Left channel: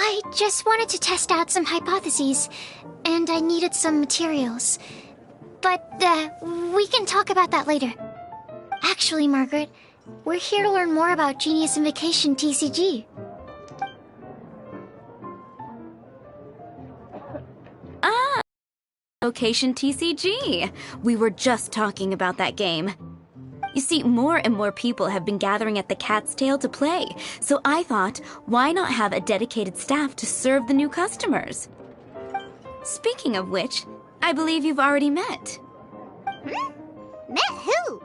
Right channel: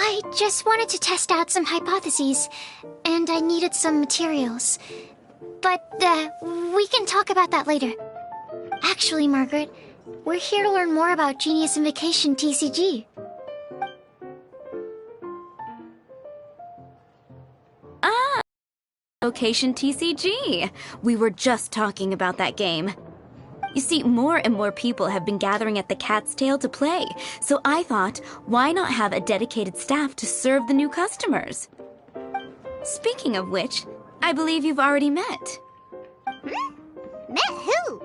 I just wanted to test out some hypotheses, and I needed some materials. But, we can talk about that later. Actually, Margaret, we're here to learn more about Genius Invocation TCG. Ah, Invocation TCG. We were just talking about that game. You see, more and more people have been gathering at the Cat's Tail to play, so I thought, why not have a dedicated staff to serve the new customers? Speaking of which, I believe you've already met. Met who?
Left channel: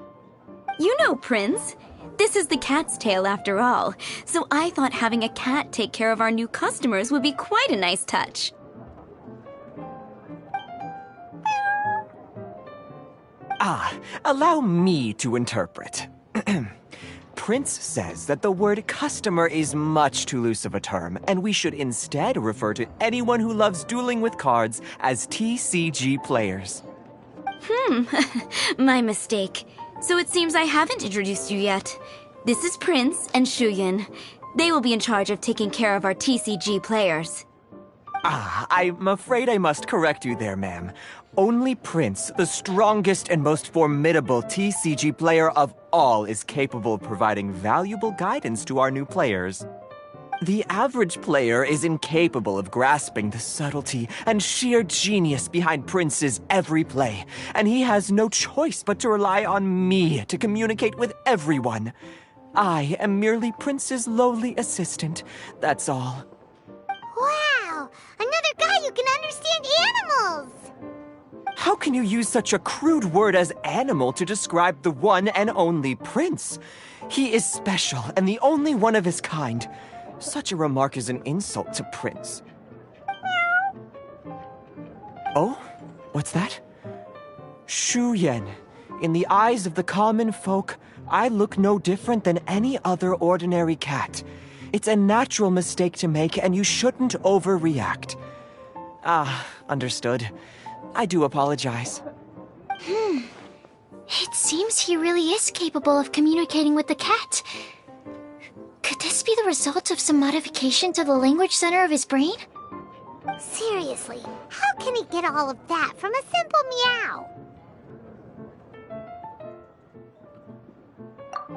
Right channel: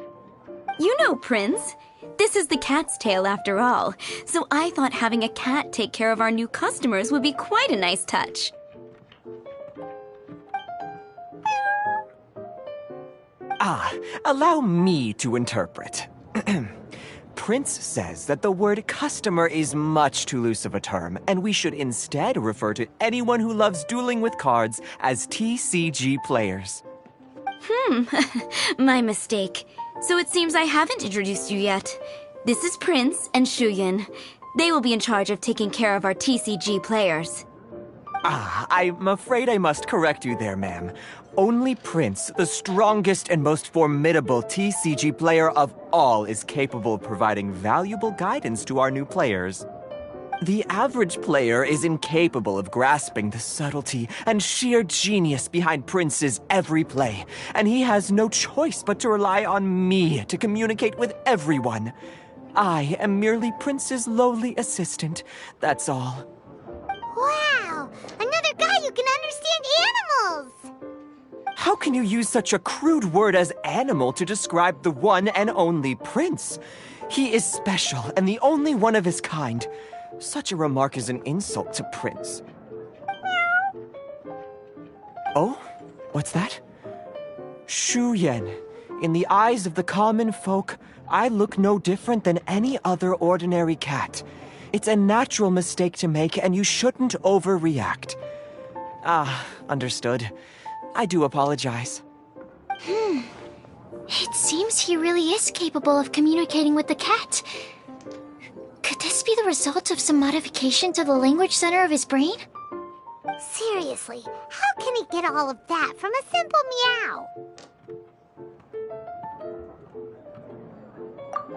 You know, Prince. This is the Cat's Tail after all, so I thought having a cat take care of our new customers would be quite a nice touch. Allow me to interpret. Prince says that the word customer is much too loose of a term, and we should instead refer to anyone who loves dueling with cards as TCG players. My mistake. So it seems I haven't introduced you yet. This is Prince and Shuyan. They will be in charge of taking care of our TCG players. I'm afraid I must correct you there, ma'am. Only Prince, the strongest and most formidable TCG player of all, is capable of providing valuable guidance to our new players. The average player is incapable of grasping the subtlety and sheer genius behind Prince's every play, and he has no choice but to rely on me to communicate with everyone. I am merely Prince's lowly assistant, that's all. Wow! Another guy who can understand animals! How can you use such a crude word as animal to describe the one and only Prince? He is special and the only one of his kind. Such a remark is an insult to Prince. Oh? What's that? Shuyan. In the eyes of the common folk, I look no different than any other ordinary cat. It's a natural mistake to make, and you shouldn't overreact. Understood. I do apologize. It seems he really is capable of communicating with the cat. Could this be the result of some modification to the language center of his brain? Seriously, how can he get all of that from a simple meow?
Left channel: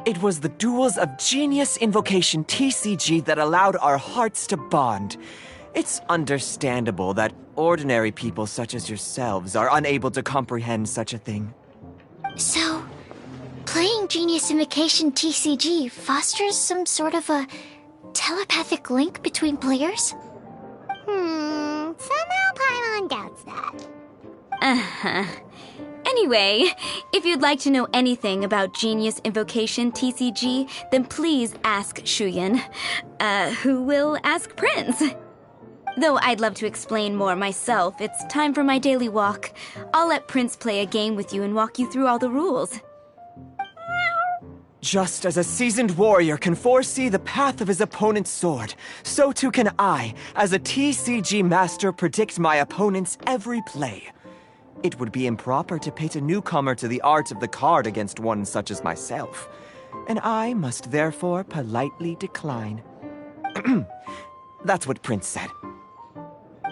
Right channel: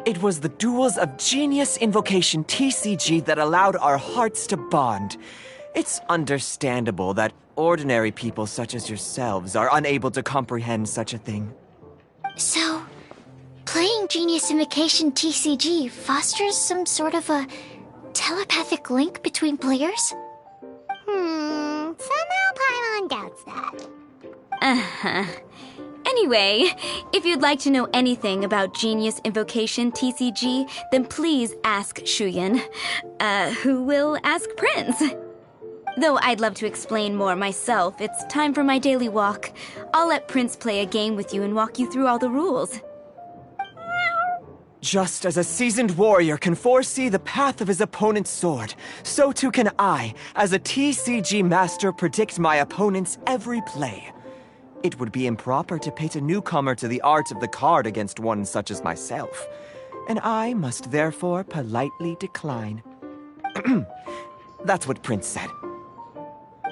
It was the duels of Genius Invocation TCG that allowed our hearts to bond. It's understandable that ordinary people such as yourselves are unable to comprehend such a thing. So, playing Genius Invocation TCG fosters some sort of a telepathic link between players? Somehow Paimon doubts that. Anyway, if you'd like to know anything about Genius Invocation TCG, then please ask Shuyan, who will ask Prince. Though I'd love to explain more myself, it's time for my daily walk. I'll let Prince play a game with you and walk you through all the rules. Just as a seasoned warrior can foresee the path of his opponent's sword, so too can I, as a TCG master, predict my opponent's every play. It would be improper to pit a newcomer to the art of the card against one such as myself, and I must therefore politely decline. That's what Prince said.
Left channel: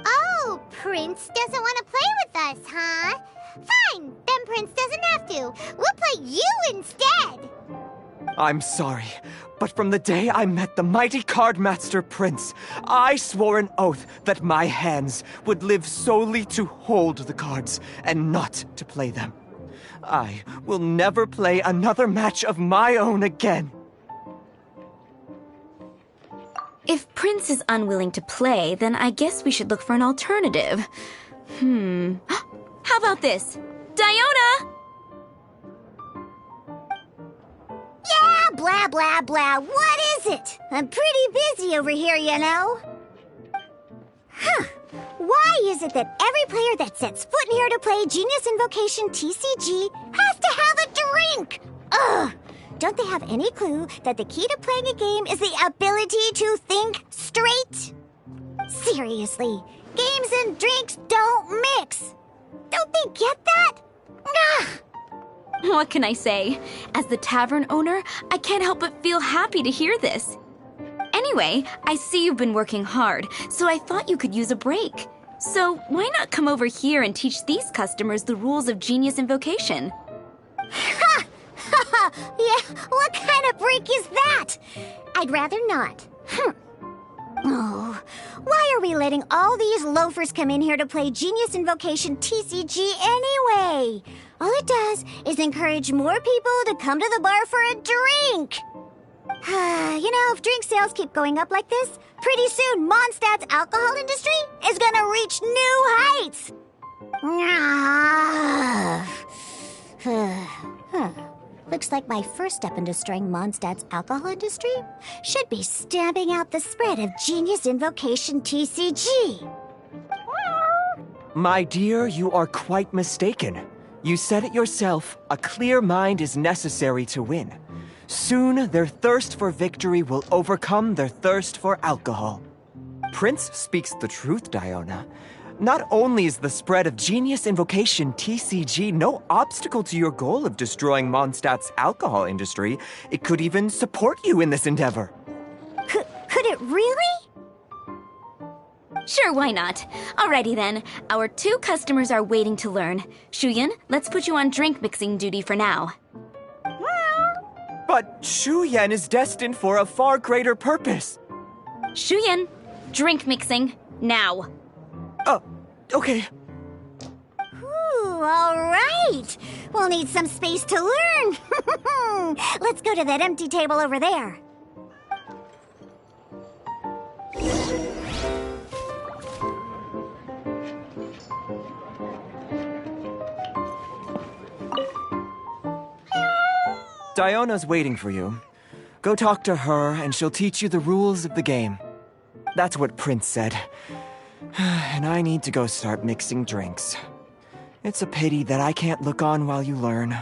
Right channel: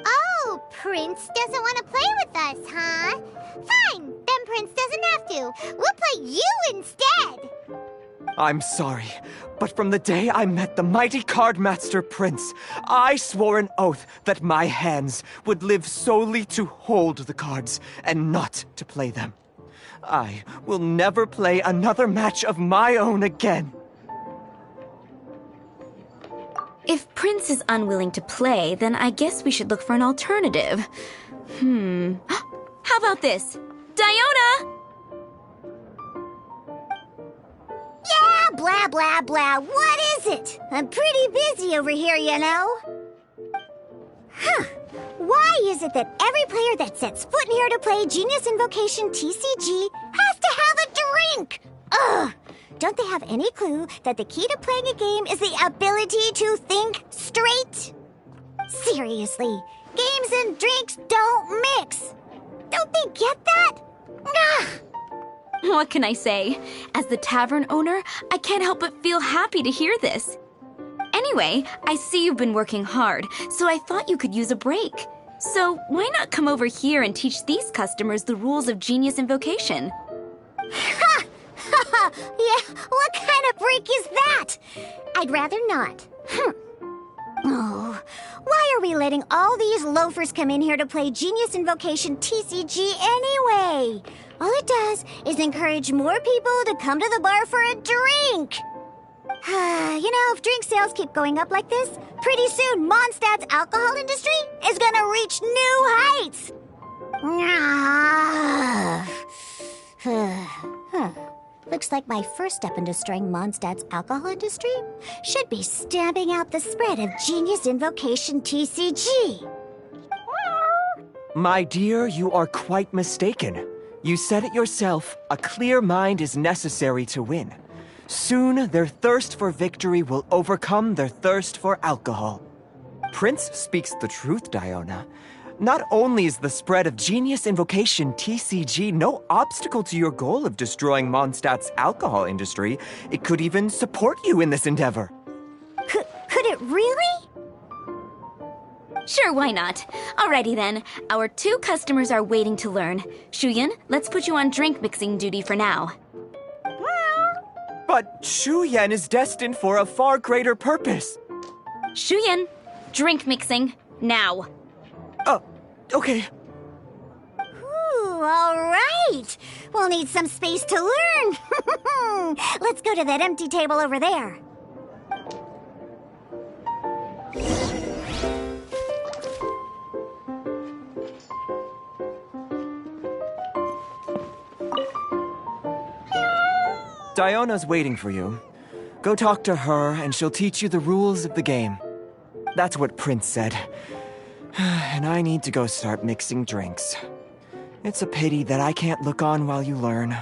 Oh, Prince doesn't want to play with us, huh? Fine, then Prince doesn't have to. We'll play you instead. I'm sorry, but from the day I met the mighty cardmaster Prince, I swore an oath that my hands would live solely to hold the cards and not to play them. I will never play another match of my own again. If Prince is unwilling to play, then I guess we should look for an alternative. How about this? Diona! Yeah, blah, blah, blah. What is it? I'm pretty busy over here, you know. Why is it that every player that sets foot in here to play Genius Invocation TCG has to have a drink? Ugh! Don't they have any clue that the key to playing a game is the ability to think straight? Seriously, games and drinks don't mix. Don't they get that? Ugh! What can I say? As the tavern owner, I can't help but feel happy to hear this. Anyway, I see you've been working hard, so I thought you could use a break. So why not come over here and teach these customers the rules of Genius Invocation? Ha! Ha ha! Yeah, what kind of break is that? I'd rather not. Oh, why are we letting all these loafers come in here to play Genius Invocation TCG anyway? All it does is encourage more people to come to the bar for a drink. You know, if drink sales keep going up like this, pretty soon Mondstadt's alcohol industry is gonna reach new heights. Looks like my first step in destroying Mondstadt's alcohol industry should be stamping out the spread of Genius Invocation TCG. My dear, you are quite mistaken. You said it yourself, a clear mind is necessary to win. Soon, their thirst for victory will overcome their thirst for alcohol. Prince speaks the truth, Diona. Not only is the spread of Genius Invocation TCG no obstacle to your goal of destroying Mondstadt's alcohol industry, it could even support you in this endeavor. Could it really? Sure, why not? Alrighty then, our 2 customers are waiting to learn. Shuyan, let's put you on drink mixing duty for now. But Shuyan is destined for a far greater purpose. Shuyan, drink mixing, now. Okay. Ooh, all right. We'll need some space to learn. Let's go to that empty table over there. Diona's waiting for you. Go talk to her, and she'll teach you the rules of the game. That's what Prince said. And I need to go start mixing drinks. It's a pity that I can't look on while you learn.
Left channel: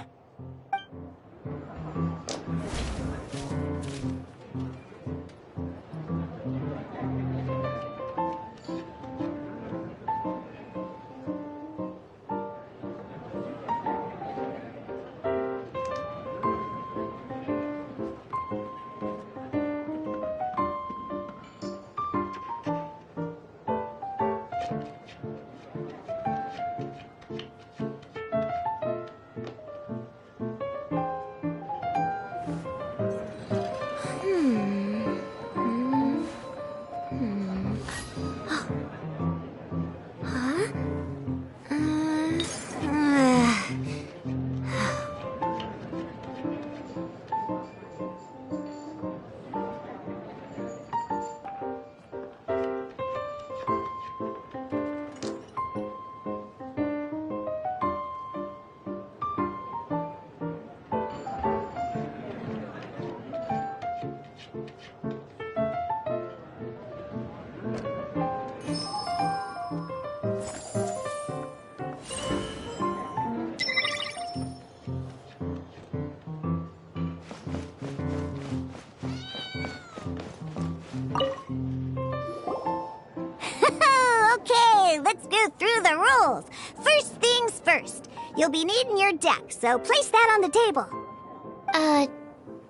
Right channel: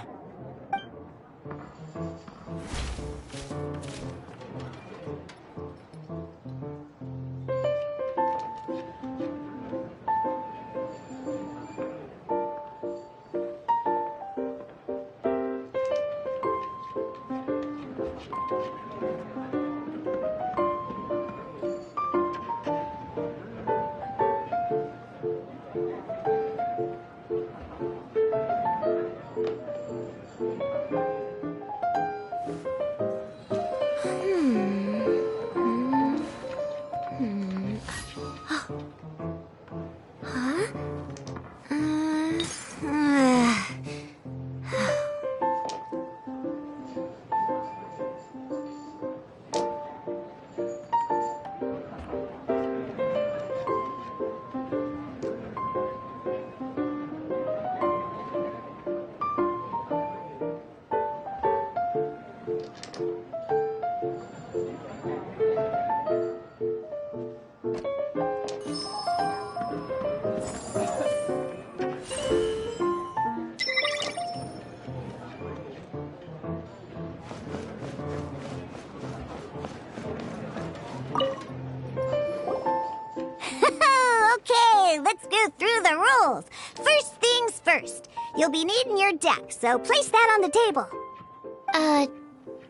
Okay, let's go through the rules. First things first. You'll be needing your deck, so place that on the table.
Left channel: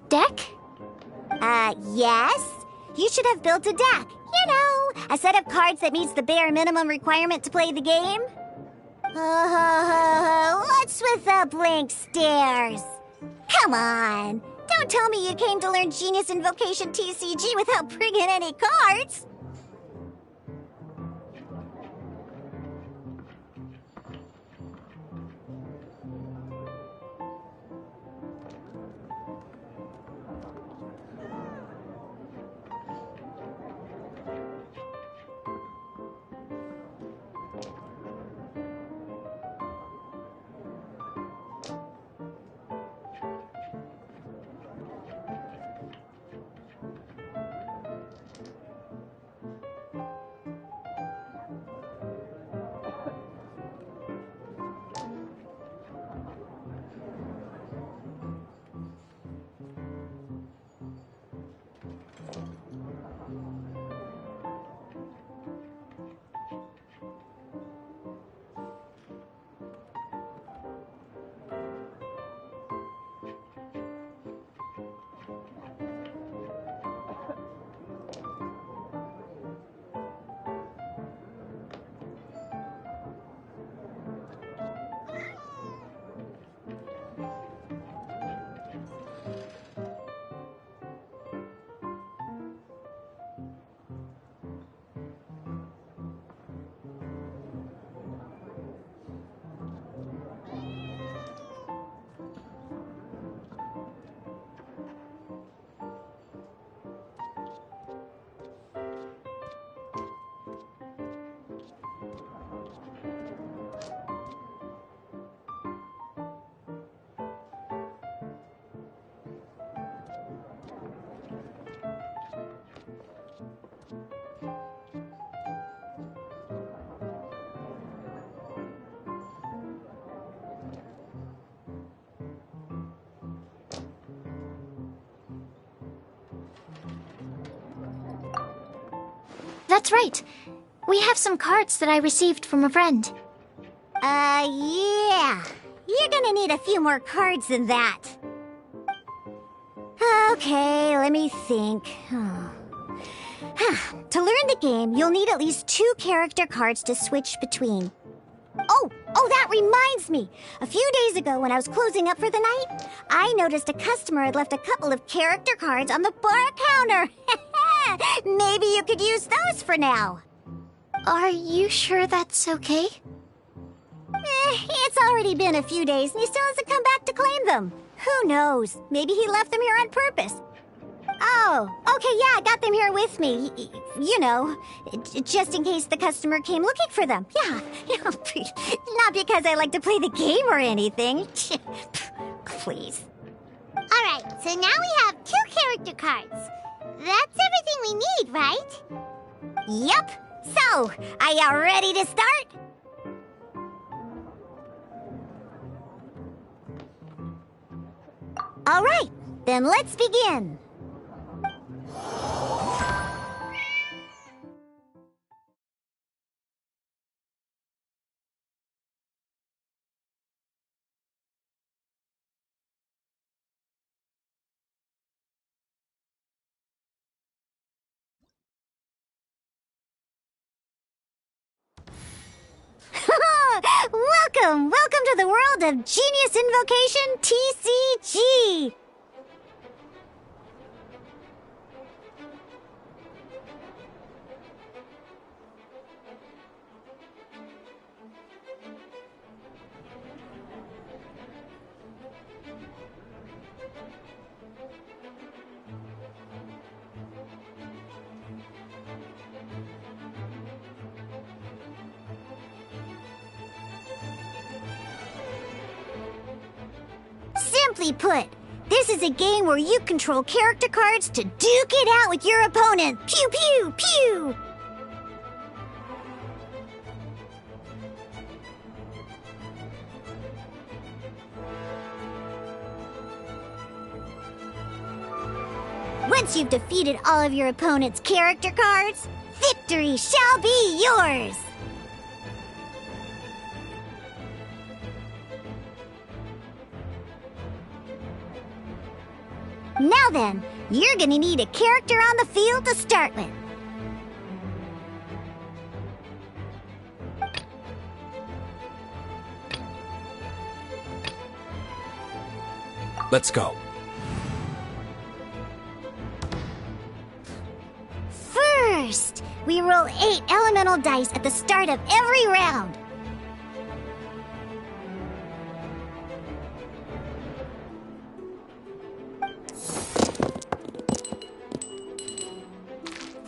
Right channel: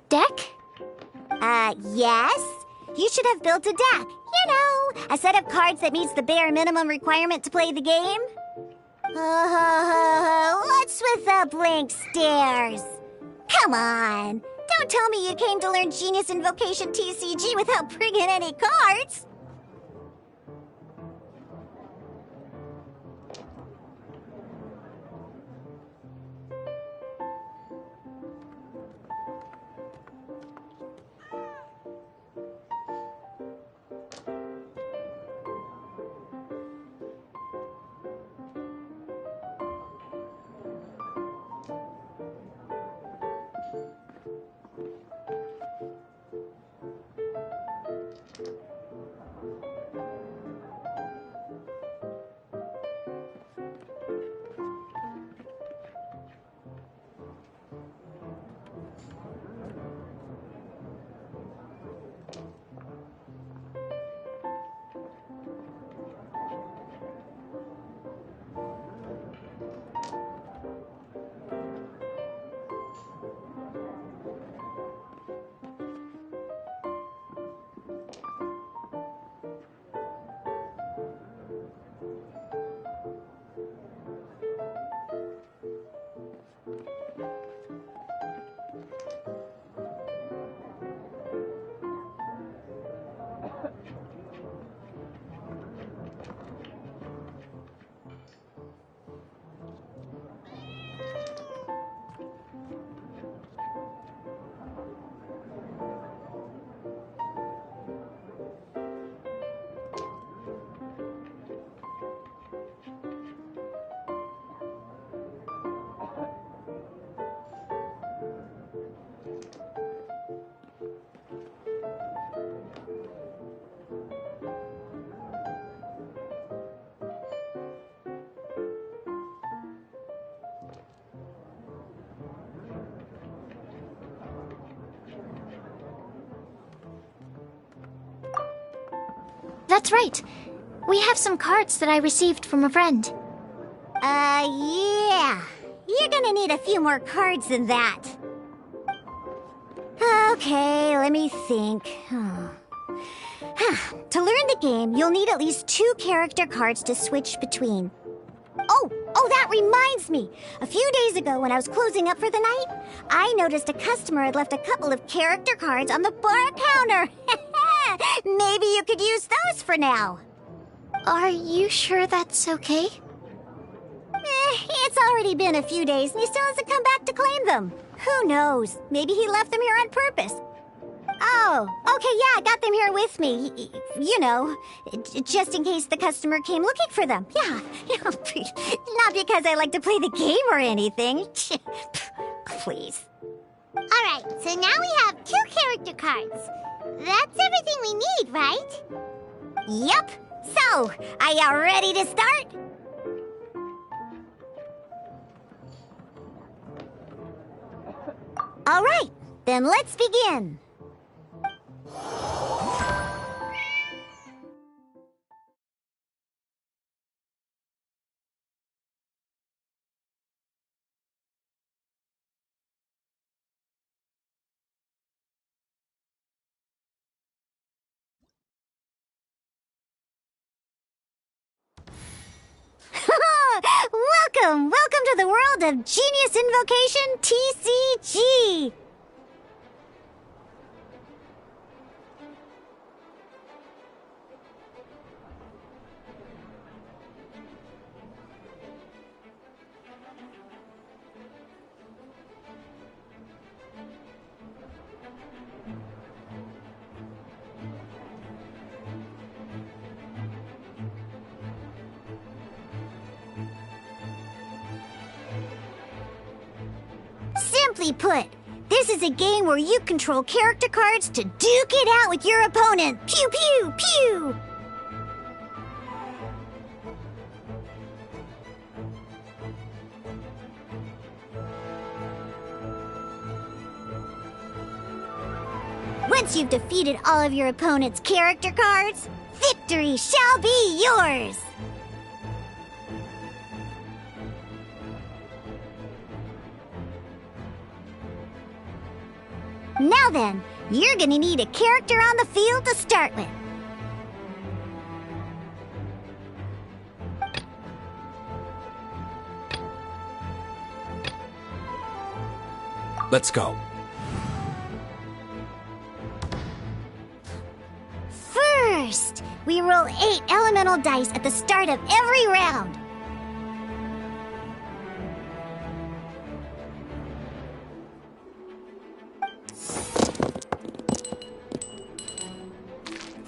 Deck? Yes? You should have built a deck. You know, a set of cards that meets the bare minimum requirement to play the game. What's with the blank stares? Come on. Don't tell me you came to learn Genius Invocation TCG without bringing any cards. That's right. We have some cards that I received from a friend. Yeah. You're gonna need a few more cards than that. Okay, let me think. To learn the game, you'll need at least 2 character cards to switch between. Oh, that reminds me. A few days ago, when I was closing up for the night, I noticed a customer had left a couple of character cards on the bar counter. Maybe you could use those for now. Are you sure that's okay? It's already been a few days and he still hasn't come back to claim them. Who knows? Maybe he left them here on purpose. Oh, okay, yeah, I got them here with me. You know, just in case the customer came looking for them. Yeah, not because I like to play the game or anything. Please. Alright, so now we have 2 character cards. That's everything we need, right? Yep. So, are you ready to start? All right, then let's begin. Welcome to the world of Genius Invocation TCG. Simply put, this is a game where you control character cards to duke it out with your opponent. Pew, pew, pew! Once you've defeated all of your opponent's character cards, victory shall be yours! Now then, you're gonna need a character on the field to start with. Let's go. First, we roll 8 elemental dice at the start of every round.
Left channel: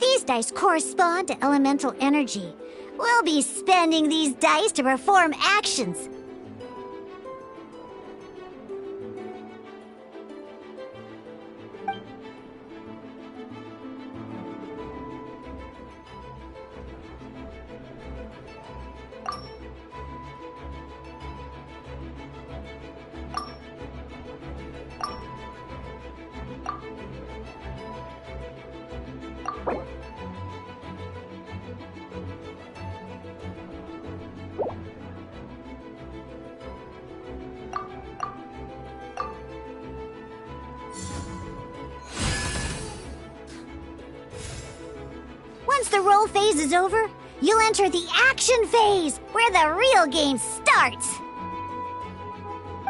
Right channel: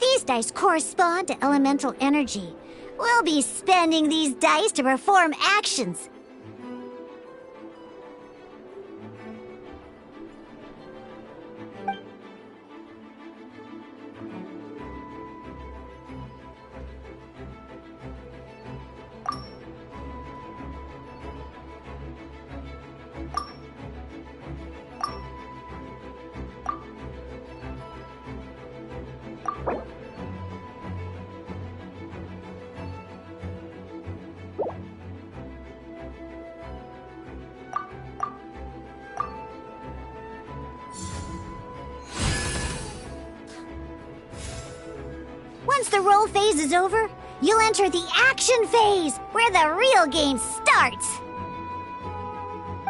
These dice correspond to elemental energy. We'll be spending these dice to perform actions. Once the roll phase is over, you'll enter the action phase, where the real game starts.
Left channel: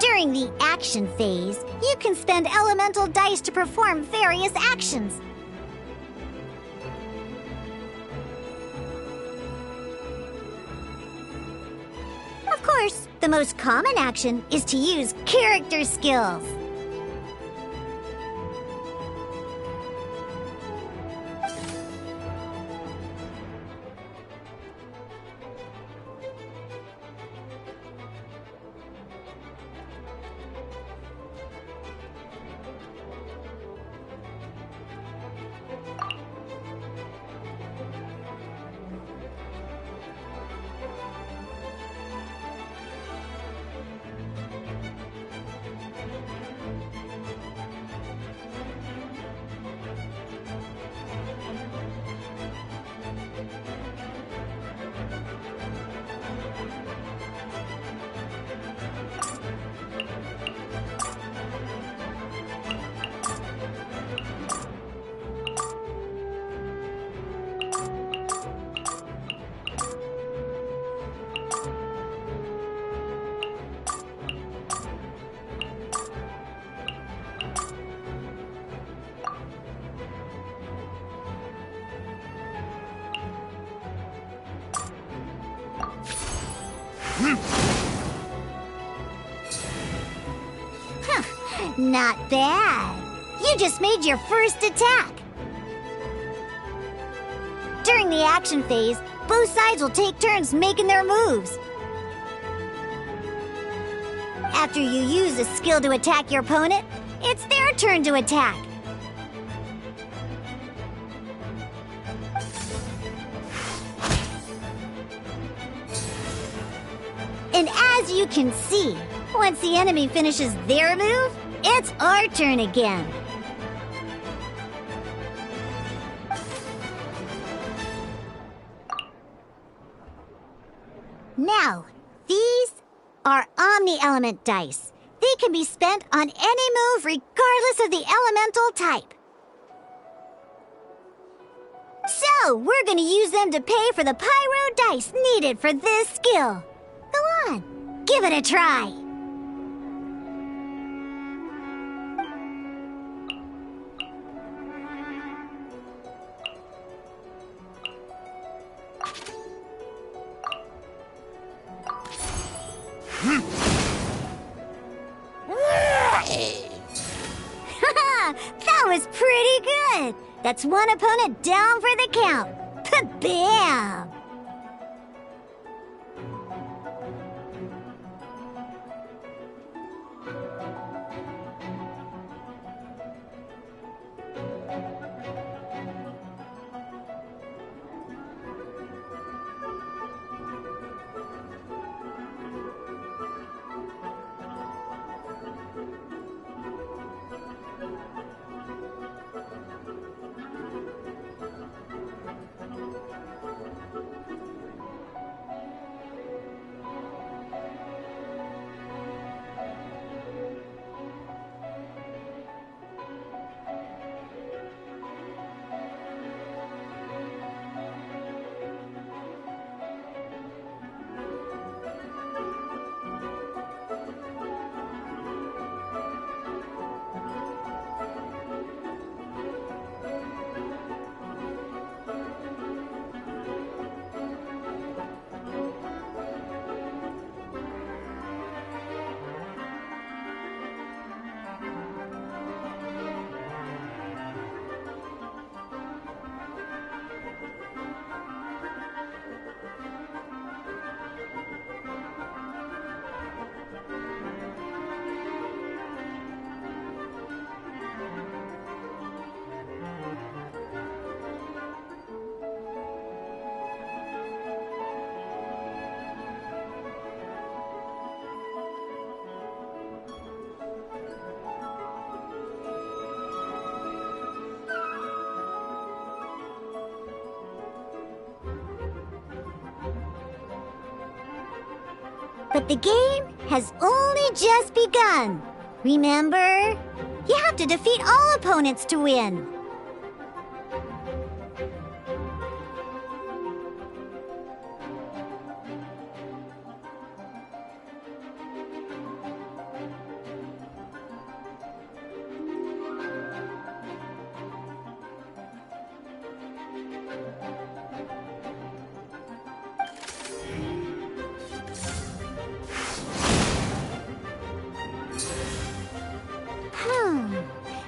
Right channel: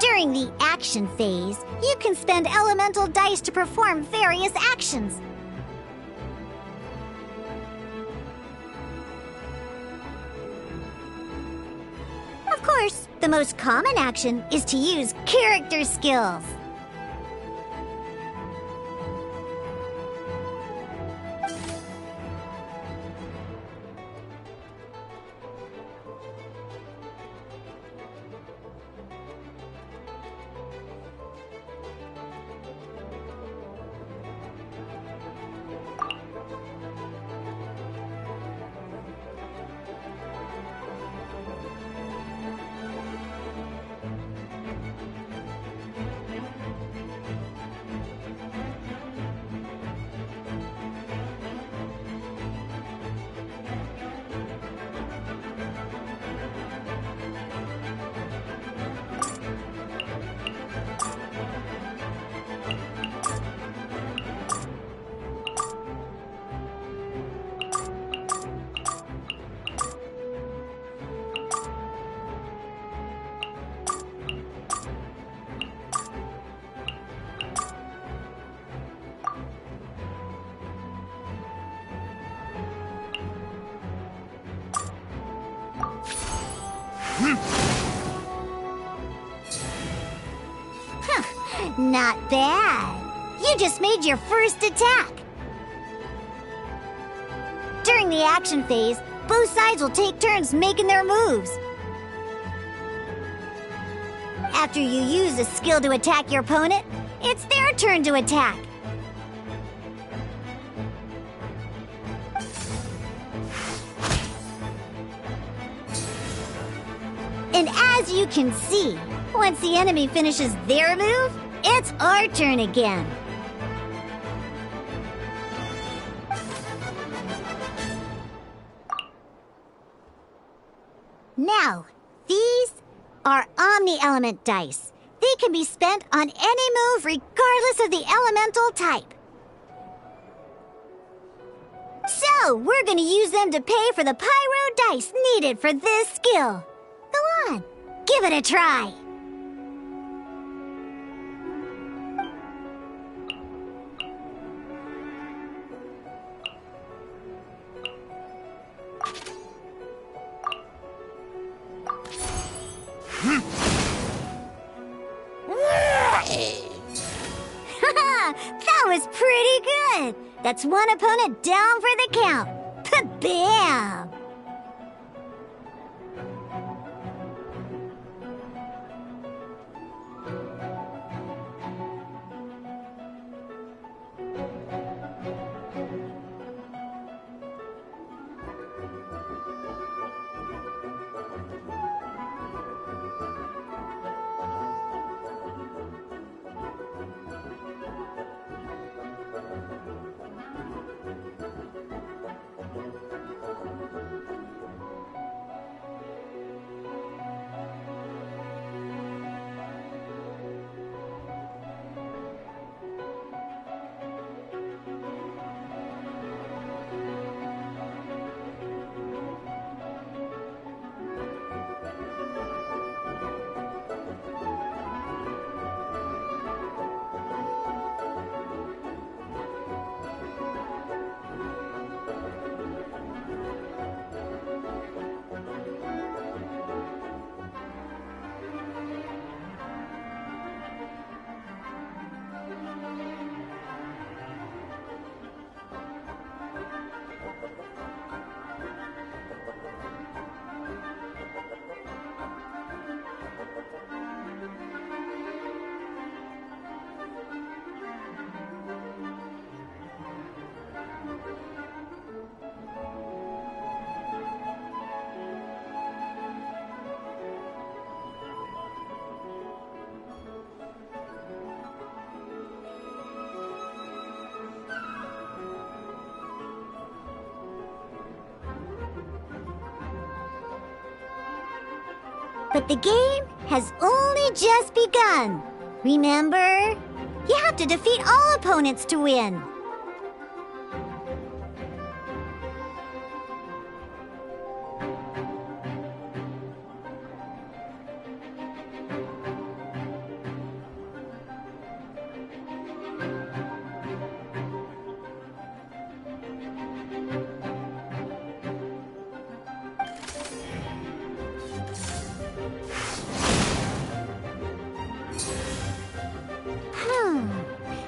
During the action phase, you can spend elemental dice to perform various actions. Of course, the most common action is to use character skills. Not bad. You just made your first attack. During the action phase, both sides will take turns making their moves. After you use a skill to attack your opponent, it's their turn to attack. And as you can see, once the enemy finishes their move, it's our turn again. Now, these are Omni-Element dice. They can be spent on any move regardless of the elemental type. So, we're gonna use them to pay for the pyro dice needed for this skill. Go on, give it a try. That was pretty good. That's one opponent down for the count. Bam! But the game has only just begun. Remember? You have to defeat all opponents to win.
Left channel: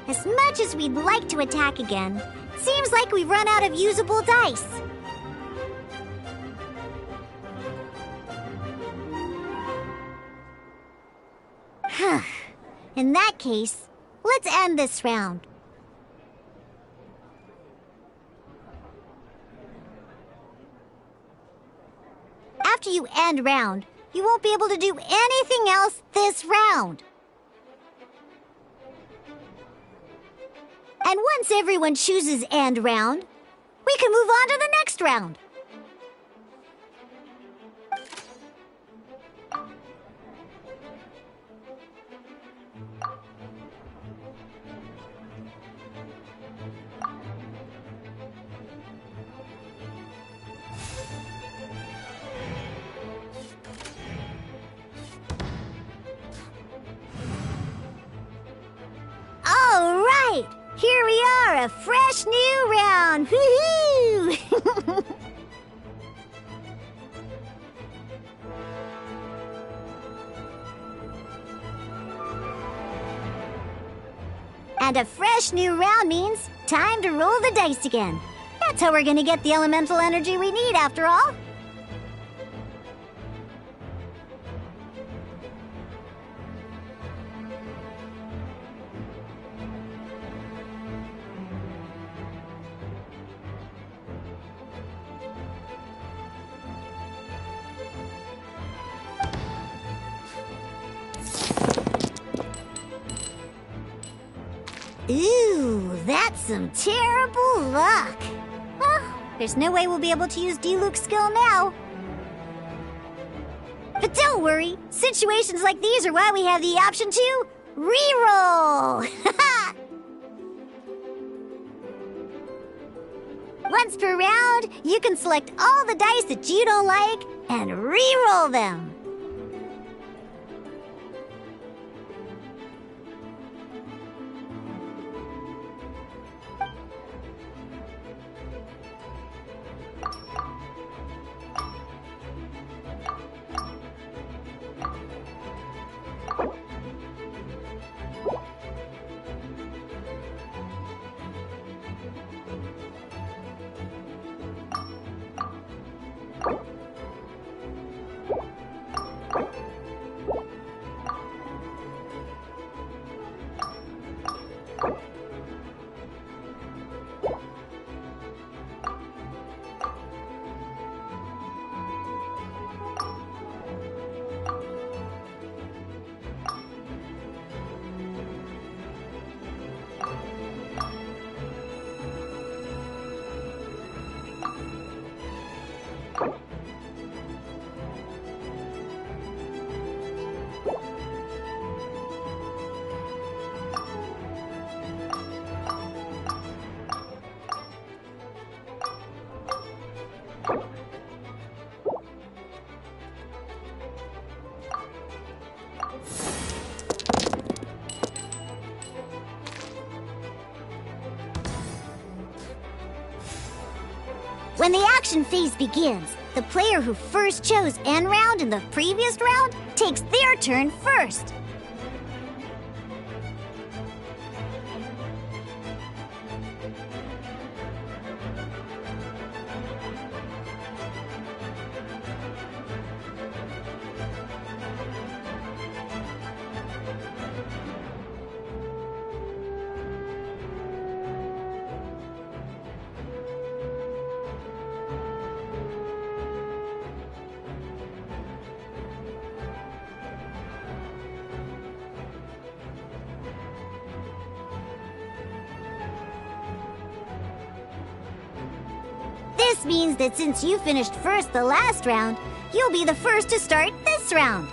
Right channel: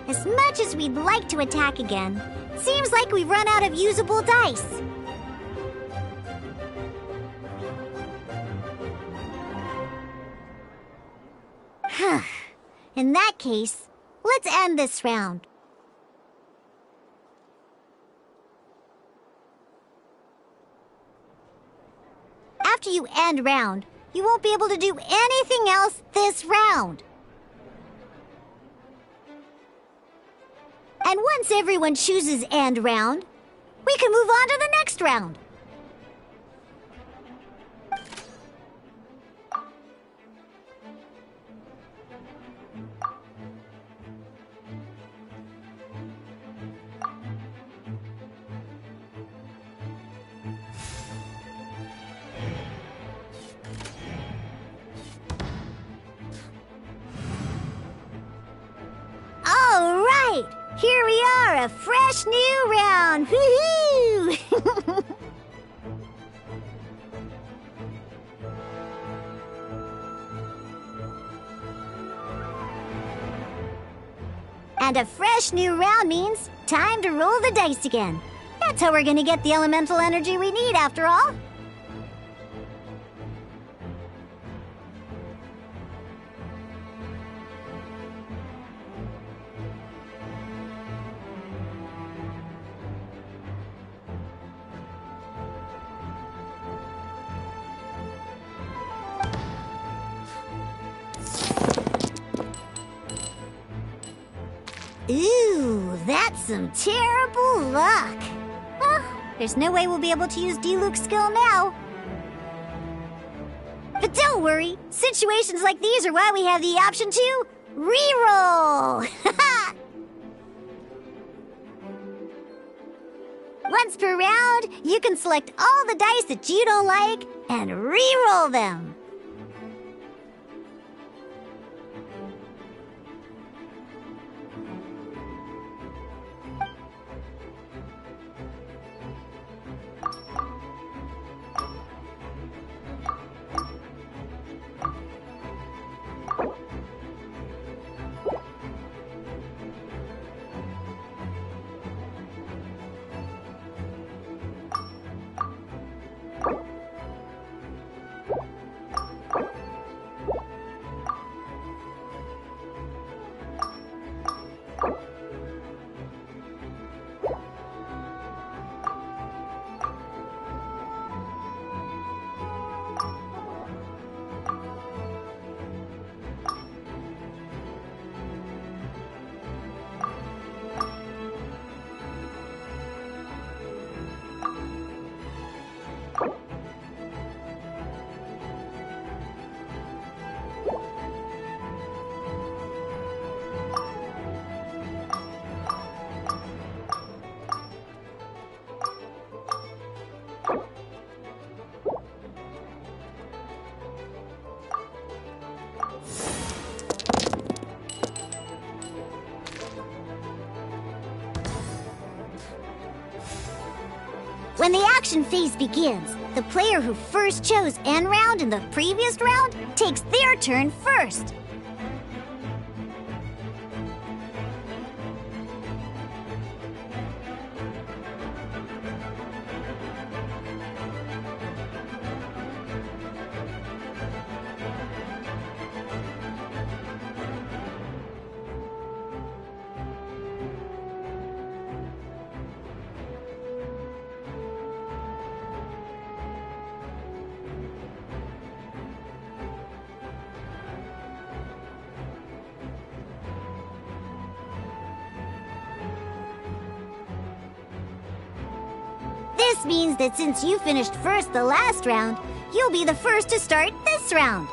As much as we'd like to attack again, seems like we've run out of usable dice. In that case, let's end this round. After you end round, you won't be able to do anything else this round. And once everyone chooses end round, we can move on to the next round. All right! Here we are, a fresh new round! Woohoo! And a fresh new round means time to roll the dice again. That's how we're gonna get the elemental energy we need, after all. Ooh, that's some terrible luck. Well, there's no way we'll be able to use Diluc's skill now. But don't worry, situations like these are why we have the option to reroll. Once per round, you can select all the dice that you don't like and reroll them. When the action phase begins, the player who first chose N round in the previous round takes their turn first. This means that since you finished first the last round, you'll be the first to start this round.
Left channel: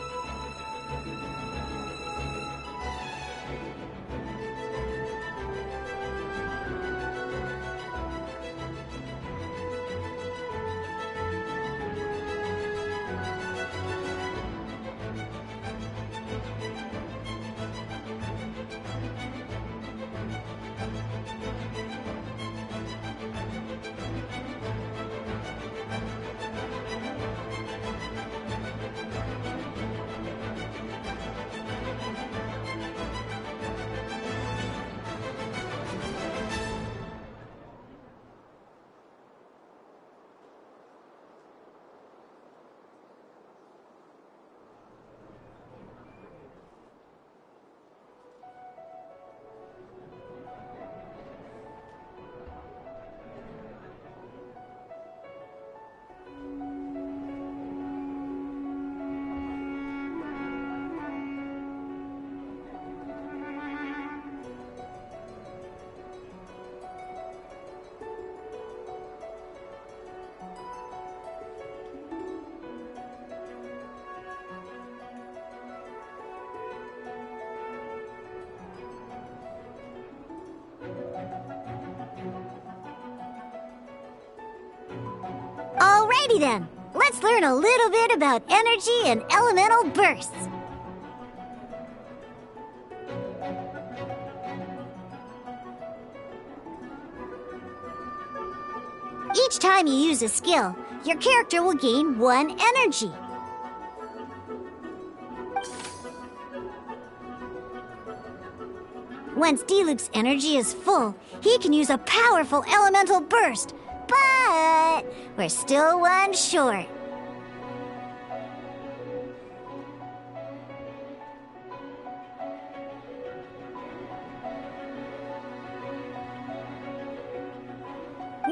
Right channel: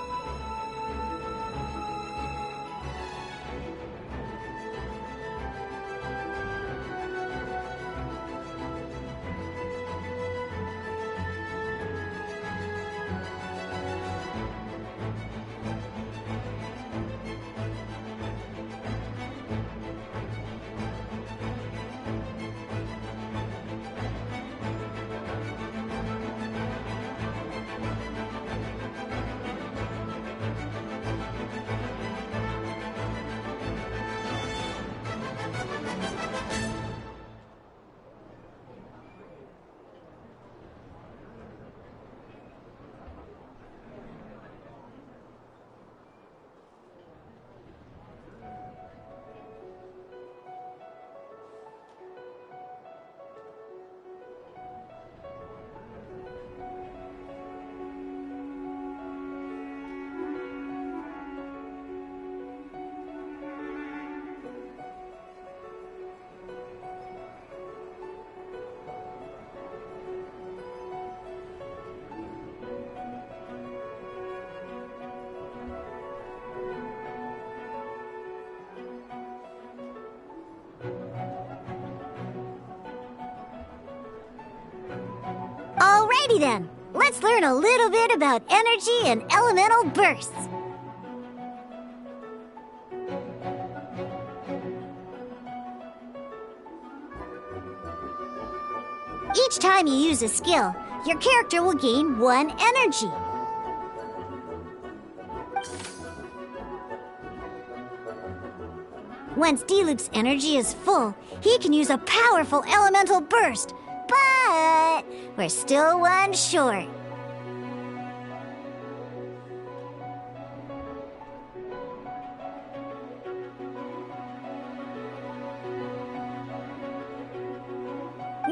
Alrighty then, let's learn a little bit about energy and elemental bursts. Each time you use a skill, your character will gain 1 energy. Once Diluc's energy is full, he can use a powerful elemental burst. But we're still one short.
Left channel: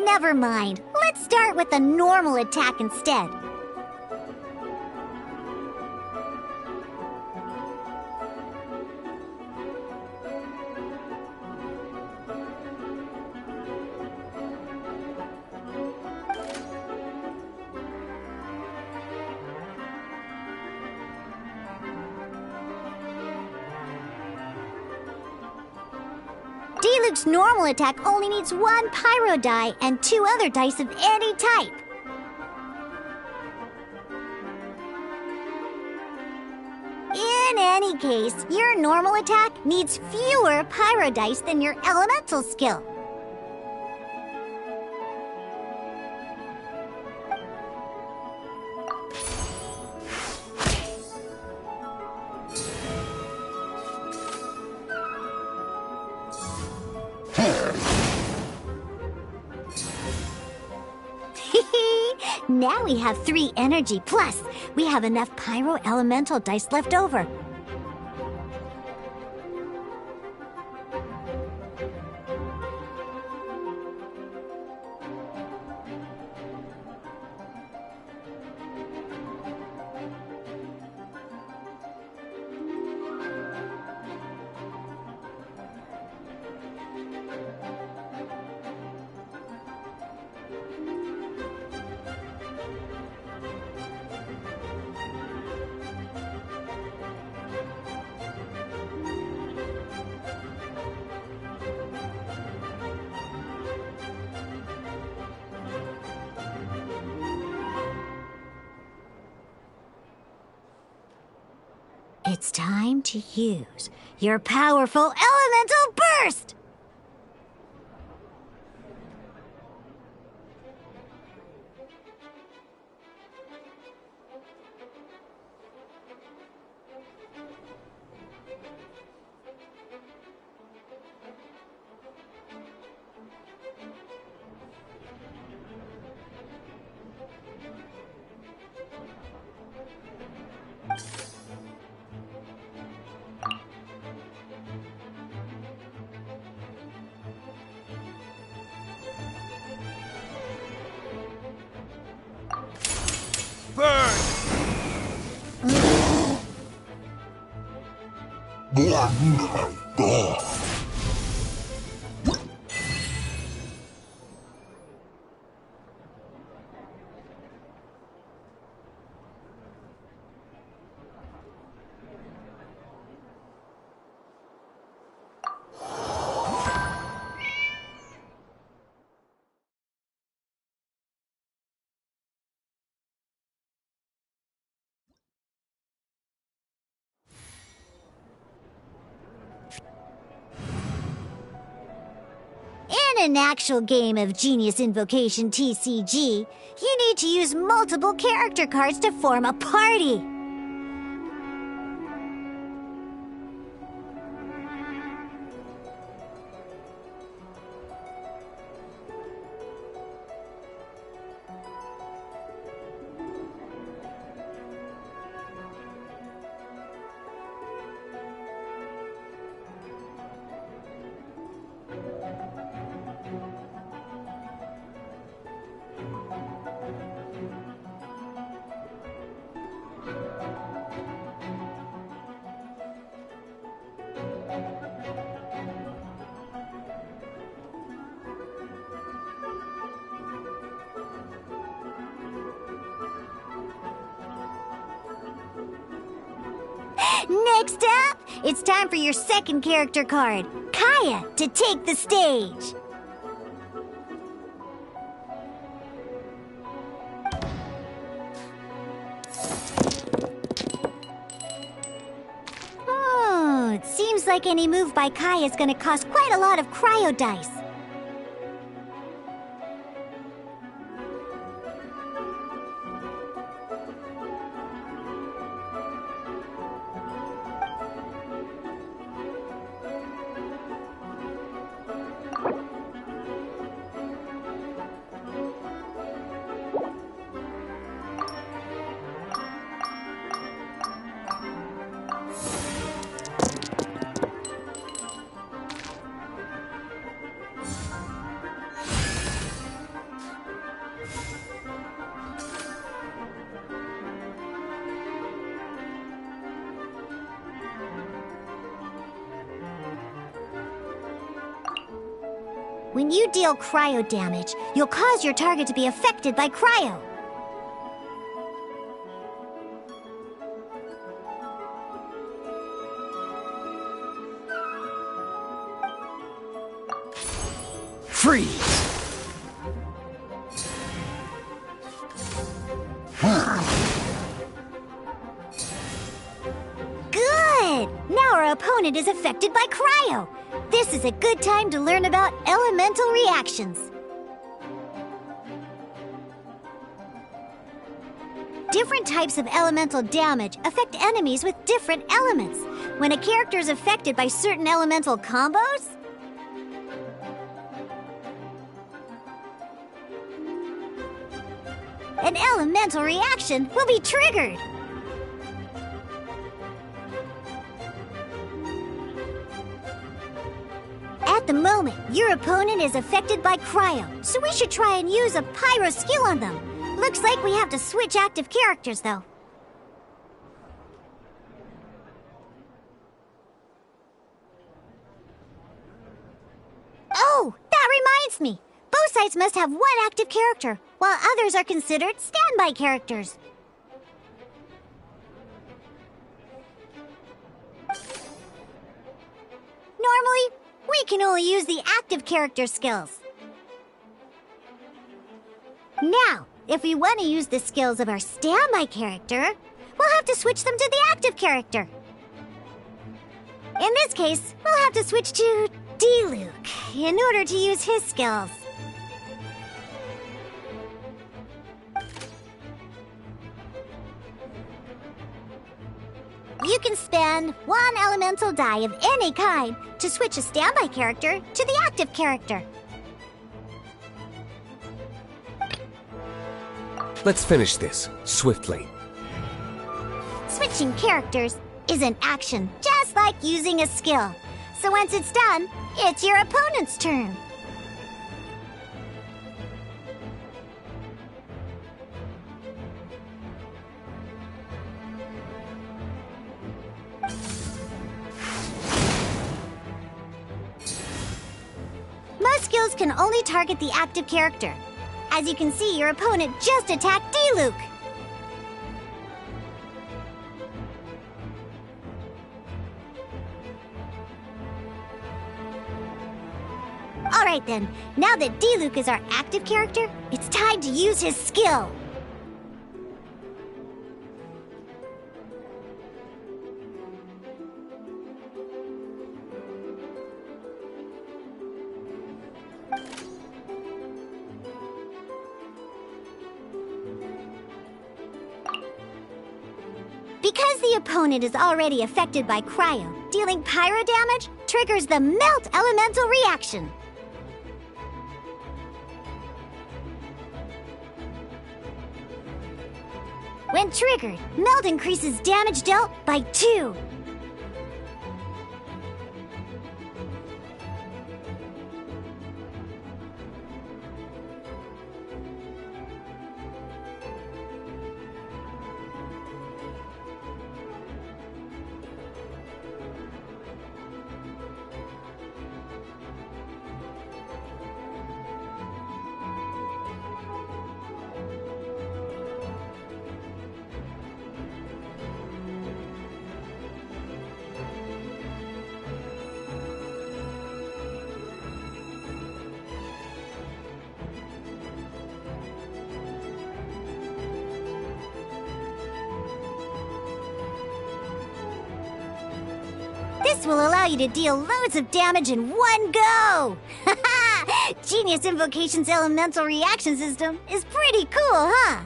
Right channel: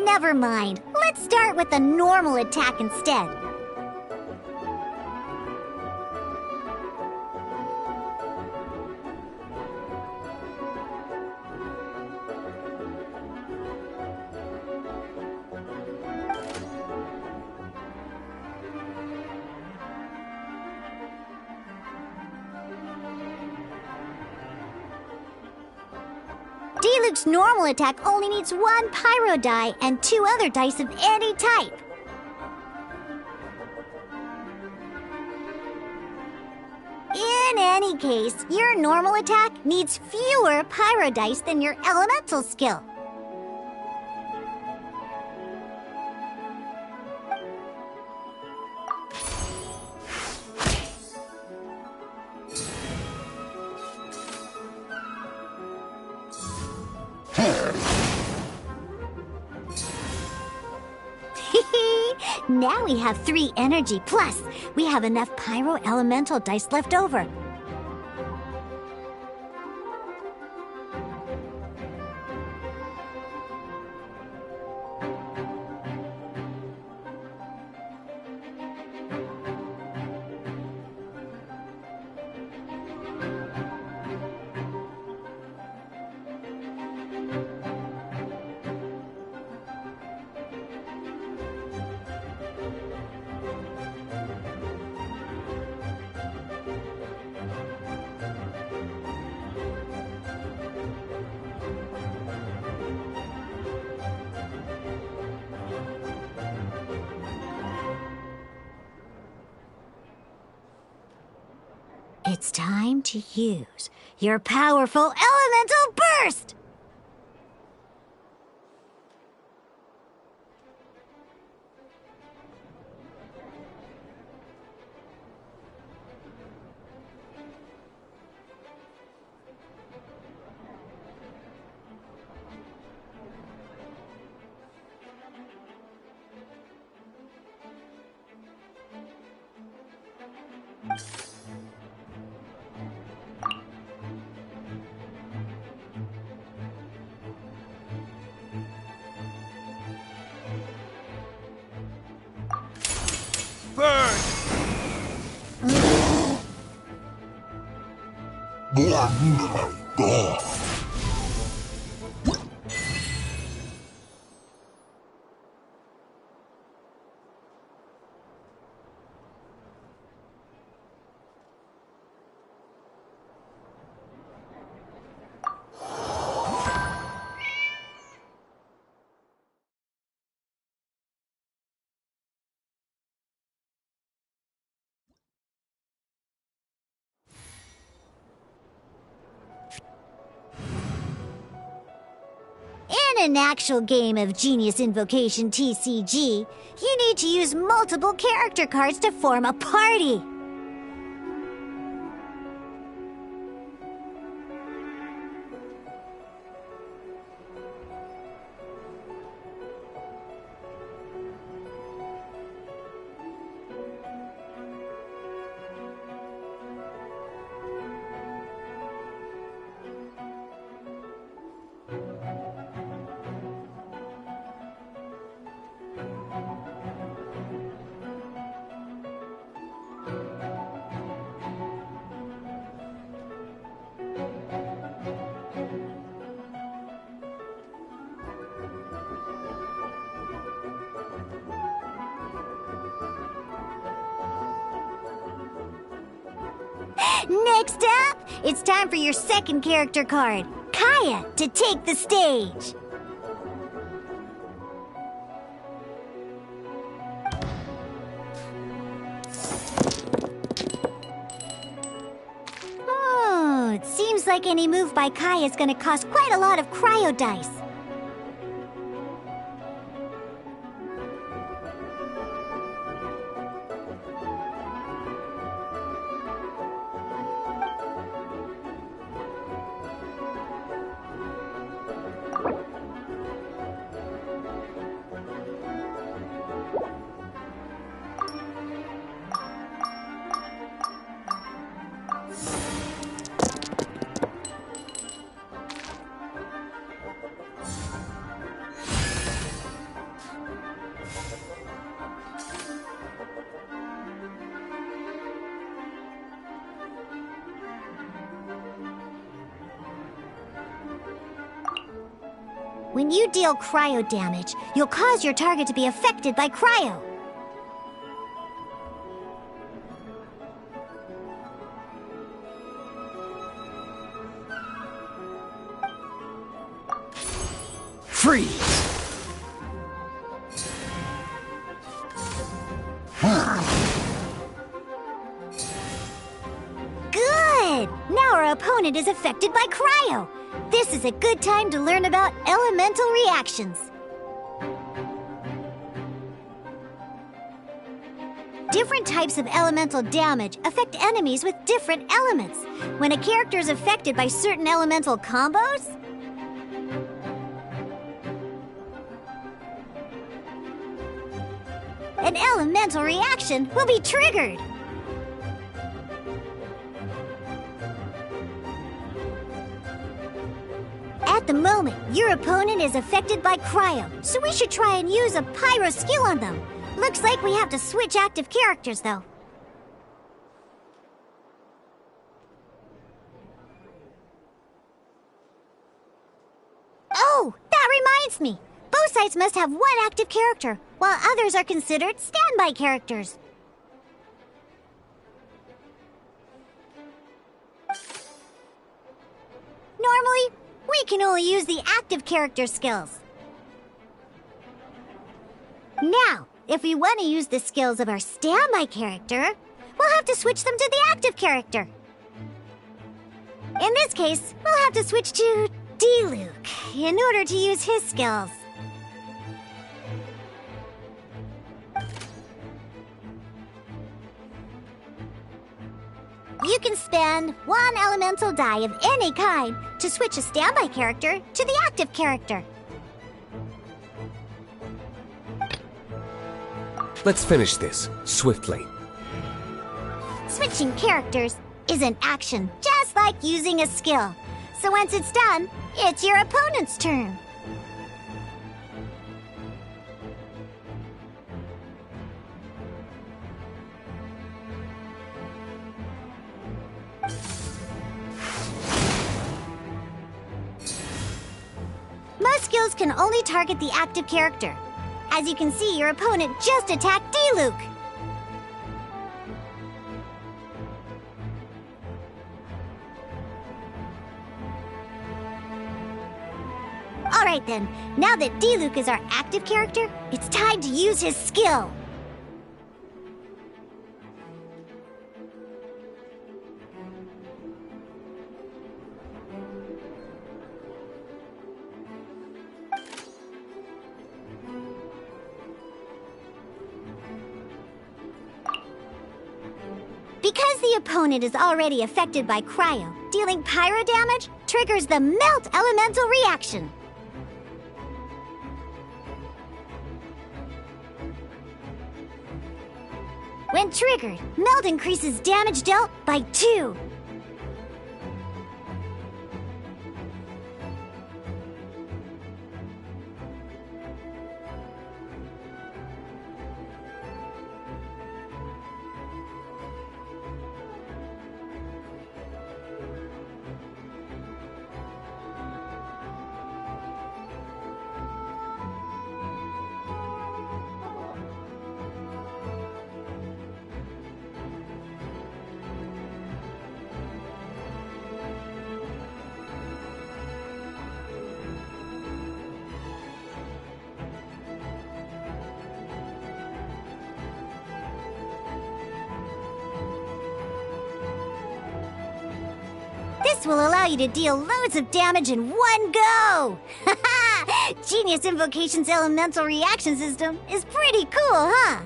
Never mind. Let's start with a normal attack instead. Diluc's normal attack only needs 1 pyro die and 2 other dice of any type. In any case, your normal attack needs fewer pyro dice than your elemental skill. Now we have 3 energy, plus we have enough pyro elemental dice left over. It's time to use your powerful elemental burst! Oh my God. In an actual game of Genius Invocation TCG, you need to use multiple character cards to form a party. Next up, it's time for your second character card, Kaya, to take the stage. Oh, it seems like any move by Kaya is going to cost quite a lot of cryo dice. When you deal cryo damage, you'll cause your target to be affected by cryo. Freeze! Good! Now our opponent is affected by cryo. This is a good time to learn about elemental reactions. Different types of elemental damage affect enemies with different elements. When a character is affected by certain elemental combos, an elemental reaction will be triggered. At the moment, your opponent is affected by cryo, so we should try and use a pyro skill on them. Looks like we have to switch active characters, though. Oh, that reminds me. Both sides must have one active character, while others are considered standby characters. Normally, we can only use the active character skills. Now, if we want to use the skills of our standby character, we'll have to switch them to the active character. In this case, we'll have to switch to D-Luke in order to use his skills. You can spend one elemental die of any kind to switch a standby character to the active character. Let's finish this, swiftly. Switching characters is an action, just like using a skill. So once it's done, it's your opponent's turn. Most skills can only target the active character. As you can see, your opponent just attacked D-Luke. Alright then, now that D-Luke is our active character, it's time to use his skill. Because the opponent is already affected by cryo, dealing pyro damage triggers the melt elemental reaction. When triggered, melt increases damage dealt by 2. This will allow you to deal loads of damage in one go! Genius Invocation's elemental reaction system is pretty cool, huh?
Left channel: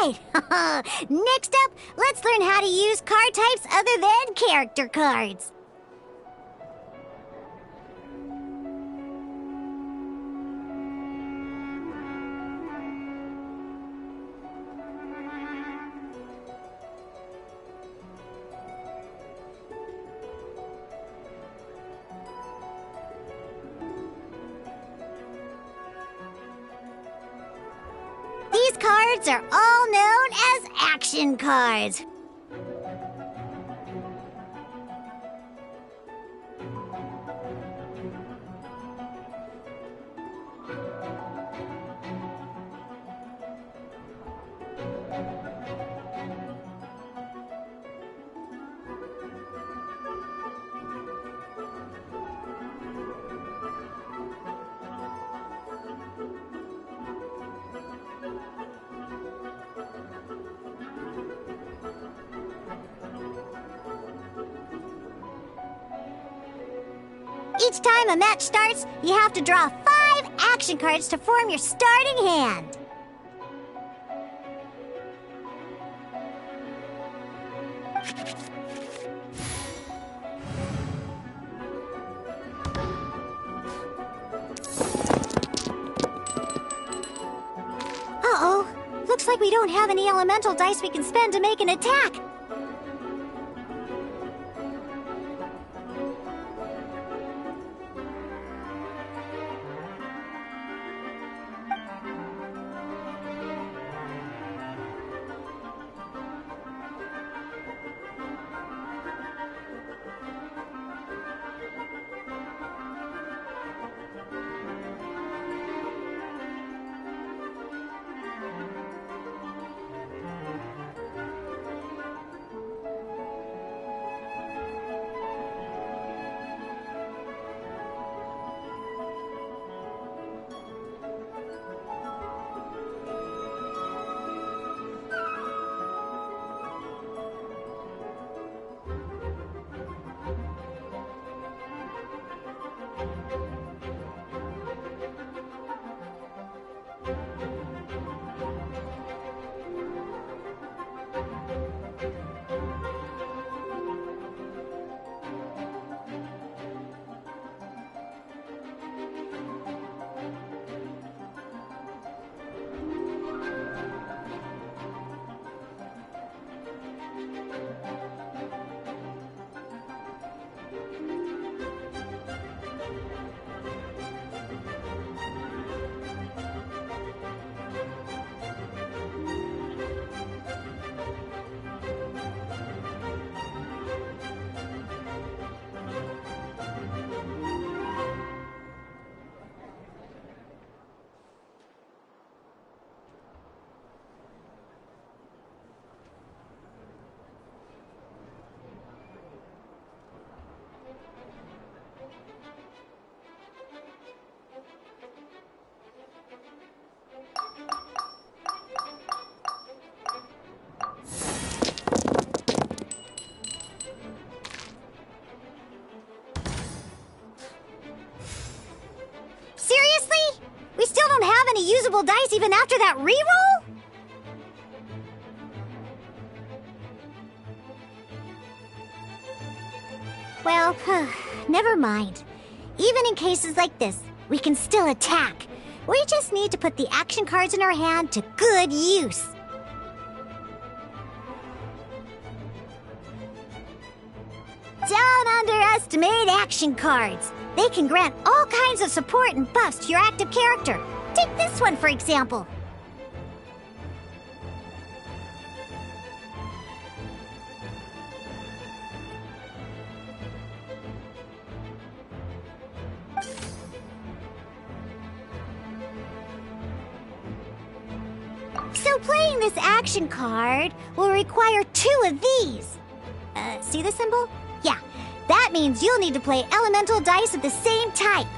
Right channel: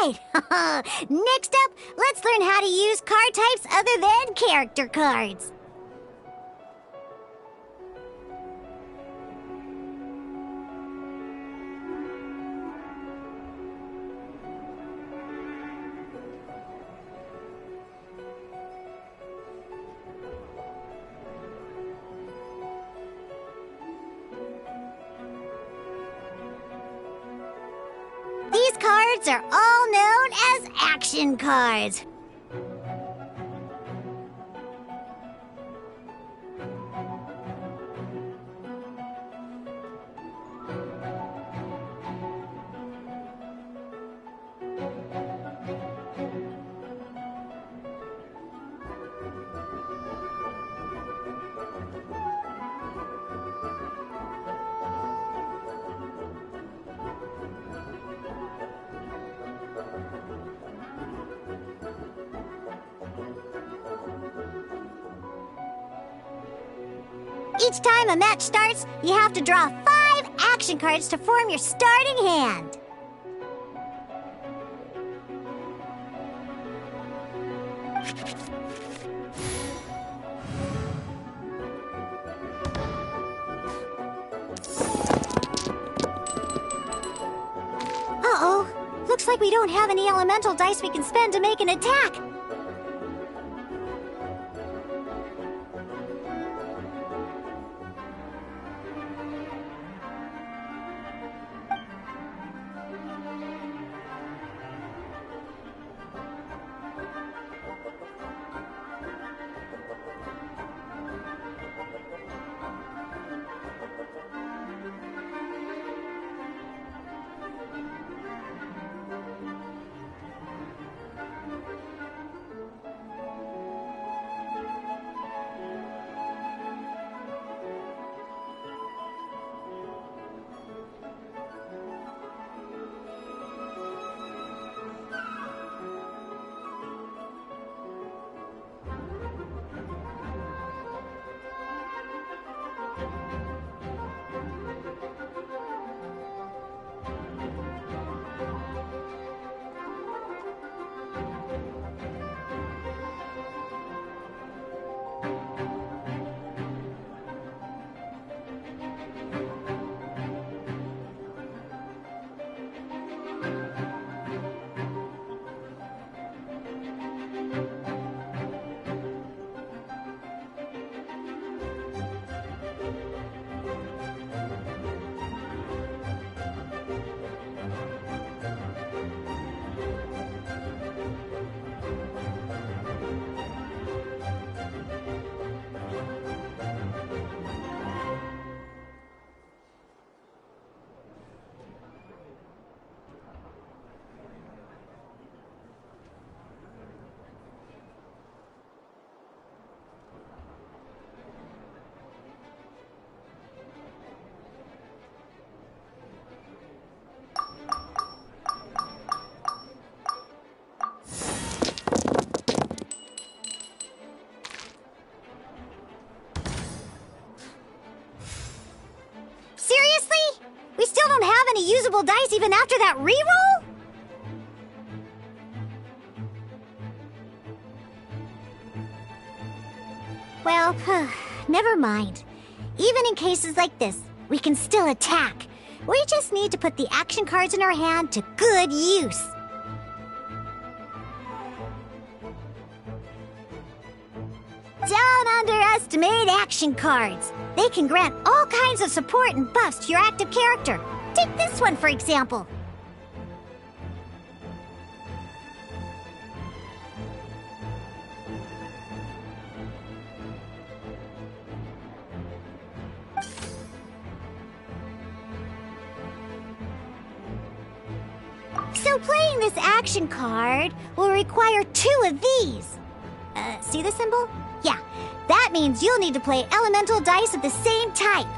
right! Next up, let's learn how to use card types other than character cards. These cards are all known as action cards. Each time a match starts, you have to draw 5 action cards to form your starting hand. Uh-oh. Looks like we don't have any elemental dice we can spend to make an attack. Usable dice even after that reroll? Well, never mind. Even in cases like this, we can still attack. We just need to put the action cards in our hand to good use. Don't underestimate action cards. They can grant all kinds of support and buffs to your active character. Take this one, for example. So playing this action card will require 2 of these. See the symbol? Yeah, that means you'll need to play elemental dice of the same type.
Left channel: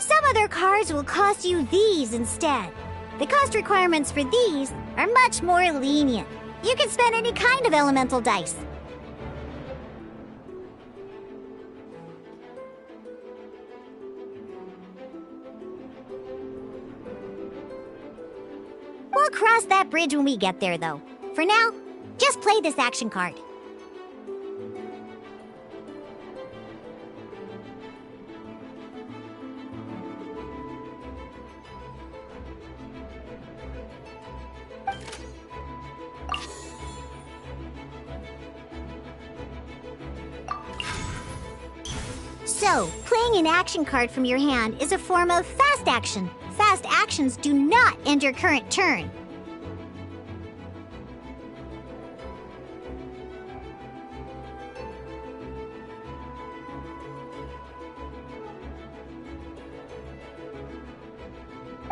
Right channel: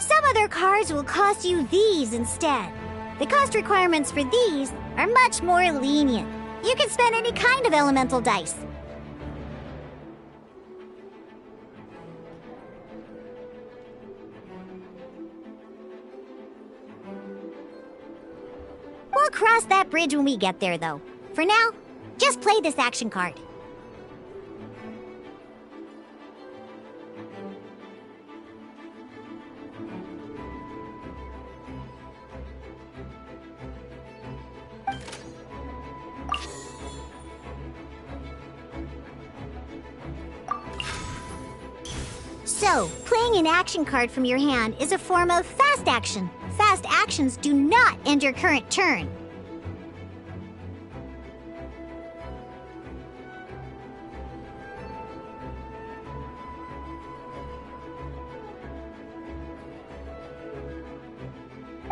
Some other cards will cost you these instead. The cost requirements for these are much more lenient. You can spend any kind of elemental dice. cross that bridge when we get there, though. For now, just play this action card. So, playing an action card from your hand is a form of fast action. Fast actions do not end your current turn.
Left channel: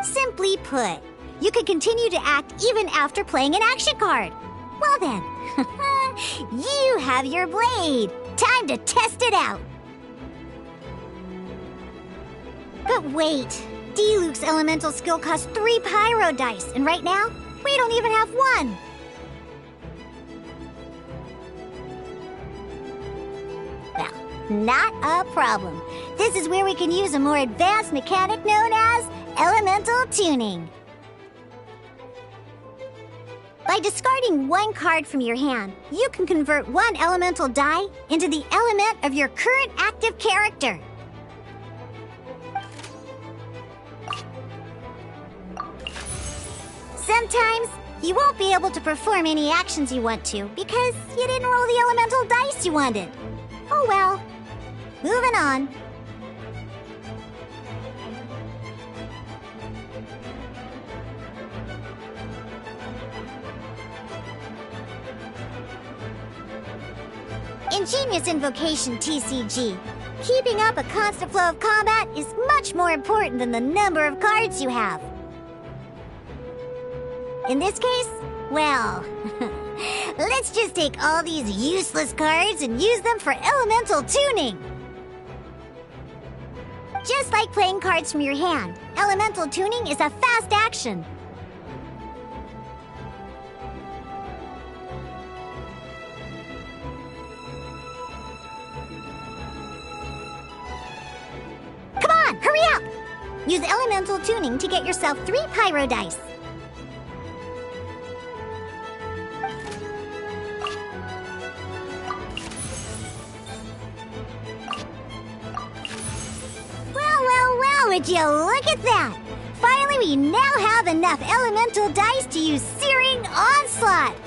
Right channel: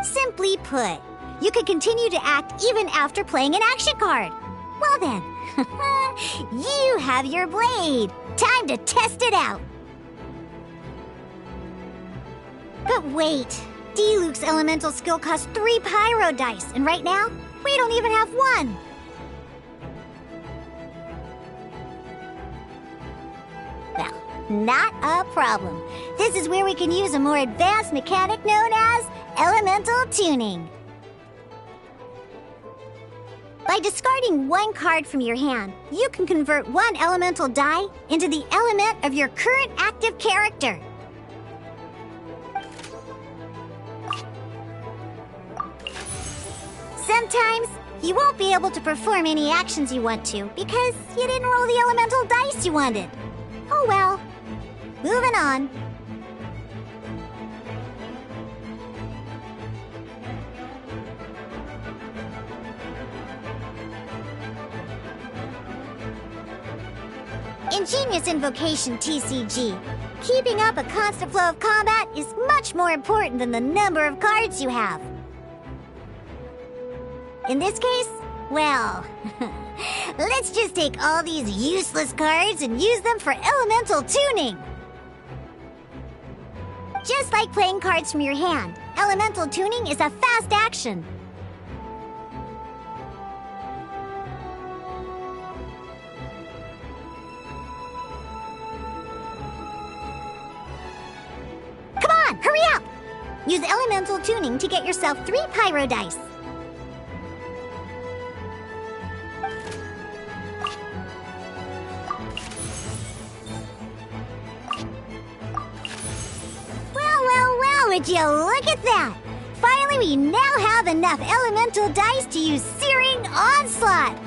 Simply put, you can continue to act even after playing an action card. Well then, you have your blade. Time to test it out. But wait, Diluc's elemental skill costs 3 pyro dice, and right now, we don't even have 1. Well, not a problem. This is where we can use a more advanced mechanic known as elemental tuning. By discarding 1 card from your hand, you can convert 1 elemental die into the element of your current active character. Sometimes, you won't be able to perform any actions you want to because you didn't roll the elemental dice you wanted. Oh well. Moving on. Ingenious Invocation TCG. Keeping up a constant flow of combat is much more important than the number of cards you have. In this case, well, let's just take all these useless cards and use them for elemental tuning. Just like playing cards from your hand, elemental tuning is a fast action. Come on, hurry up! Use elemental tuning to get yourself 3 pyro dice. Would you look at that? Finally, we now have enough elemental dice to use Searing Onslaught!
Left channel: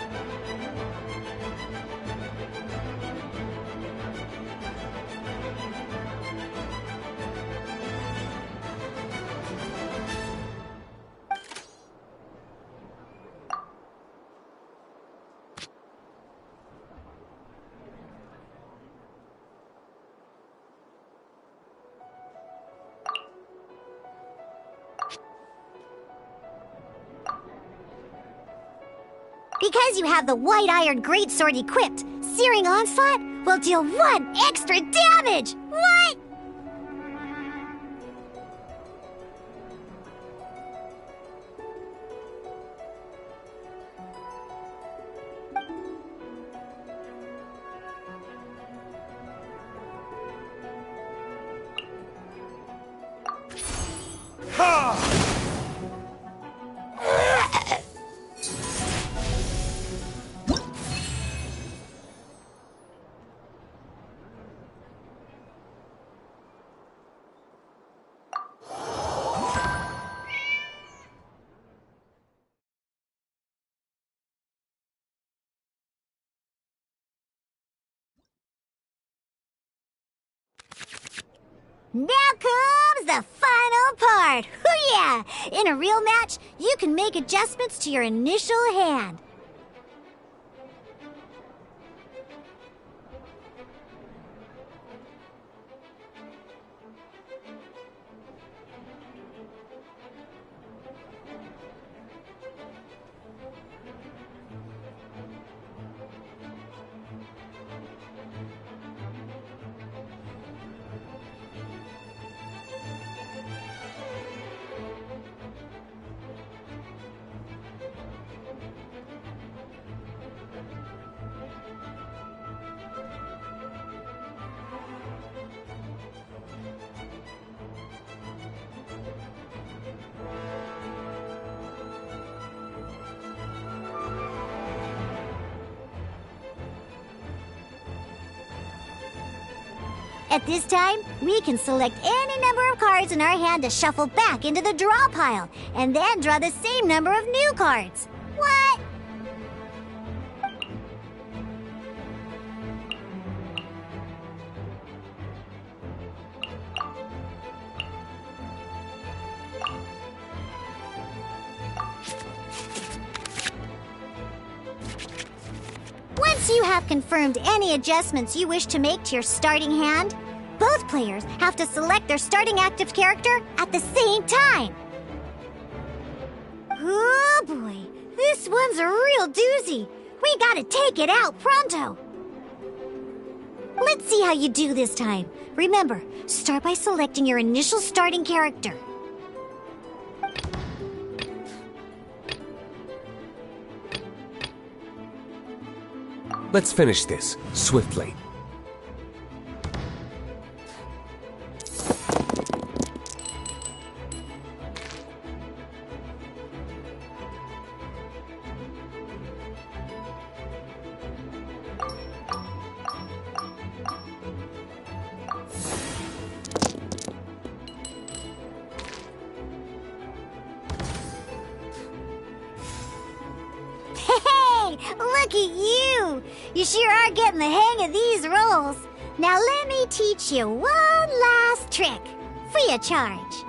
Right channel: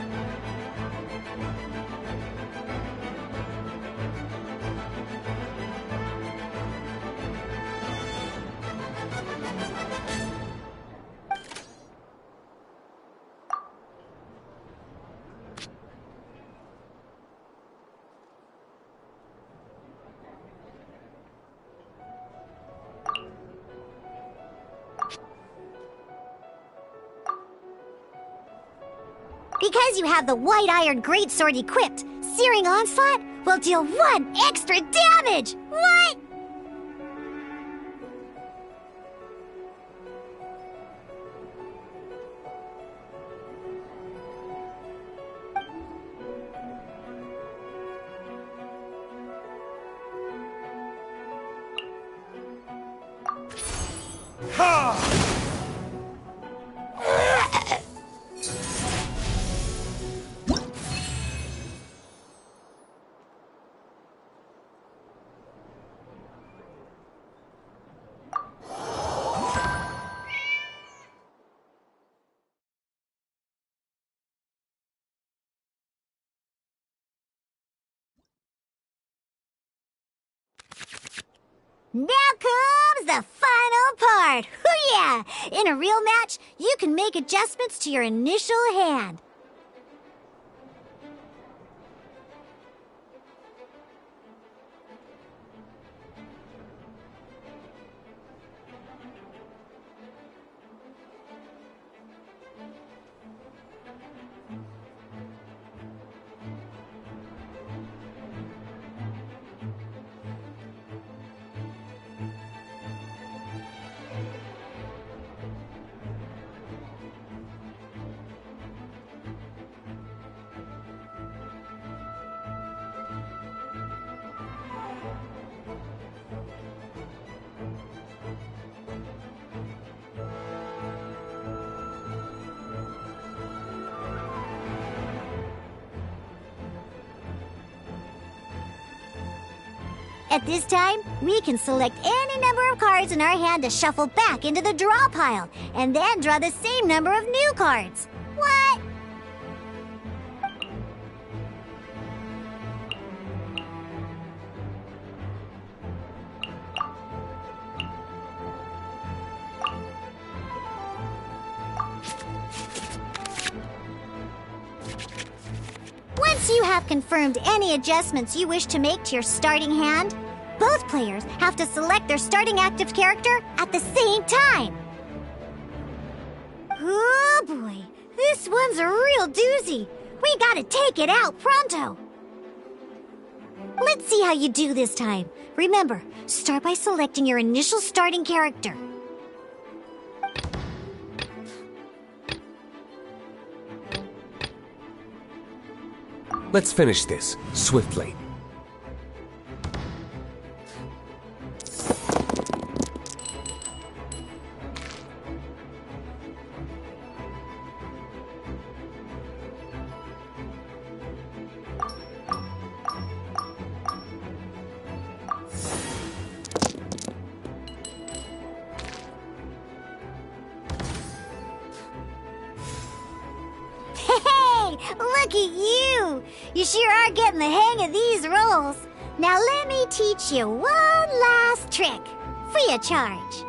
Because you have the White Iron Greatsword equipped, Searing Onslaught will deal 1 extra damage! What? Now comes the final part! Hoo-yeah! In a real match, you can make adjustments to your initial hand. At this time, we can select any number of cards in our hand to shuffle back into the draw pile, and then draw the same number of new cards. What? Once you have confirmed any adjustments you wish to make to your starting hand, both players have to select their starting active character at the same time. Oh boy, this one's a real doozy. We gotta take it out pronto. Let's see how you do this time. Remember, start by selecting your initial starting character. Let's finish this swiftly. Hey, look at you! You sure are getting the hang of these rolls. Now let me teach you one last trick, free of charge.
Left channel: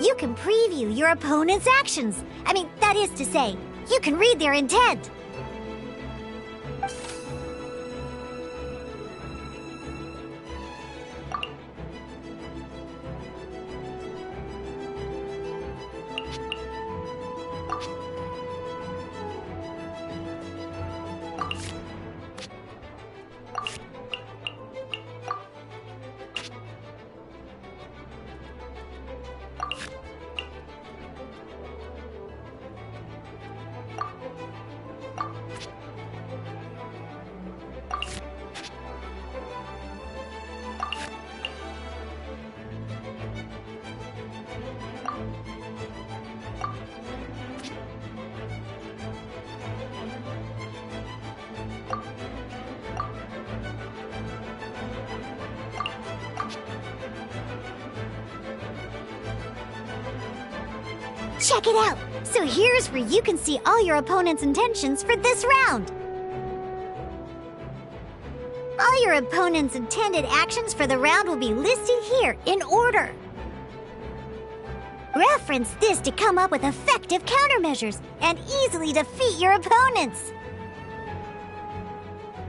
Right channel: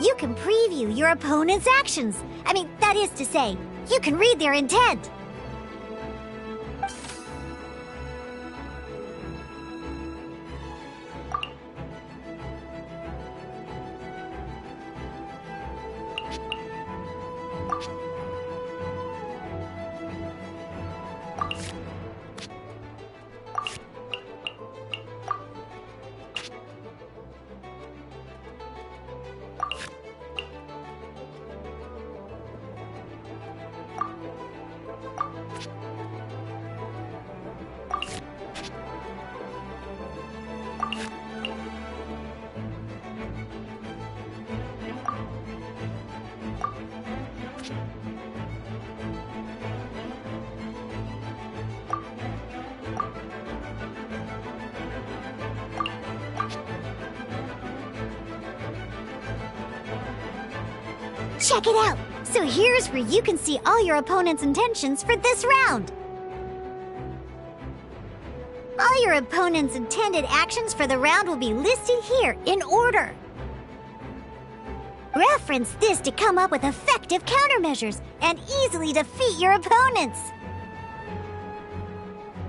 You can preview your opponent's actions. I mean, that is to say, you can read their intent. Check it out! So here's where you can see all your opponent's intentions for this round. All your opponent's intended actions for the round will be listed here in order. Reference this to come up with effective countermeasures and easily defeat your opponents.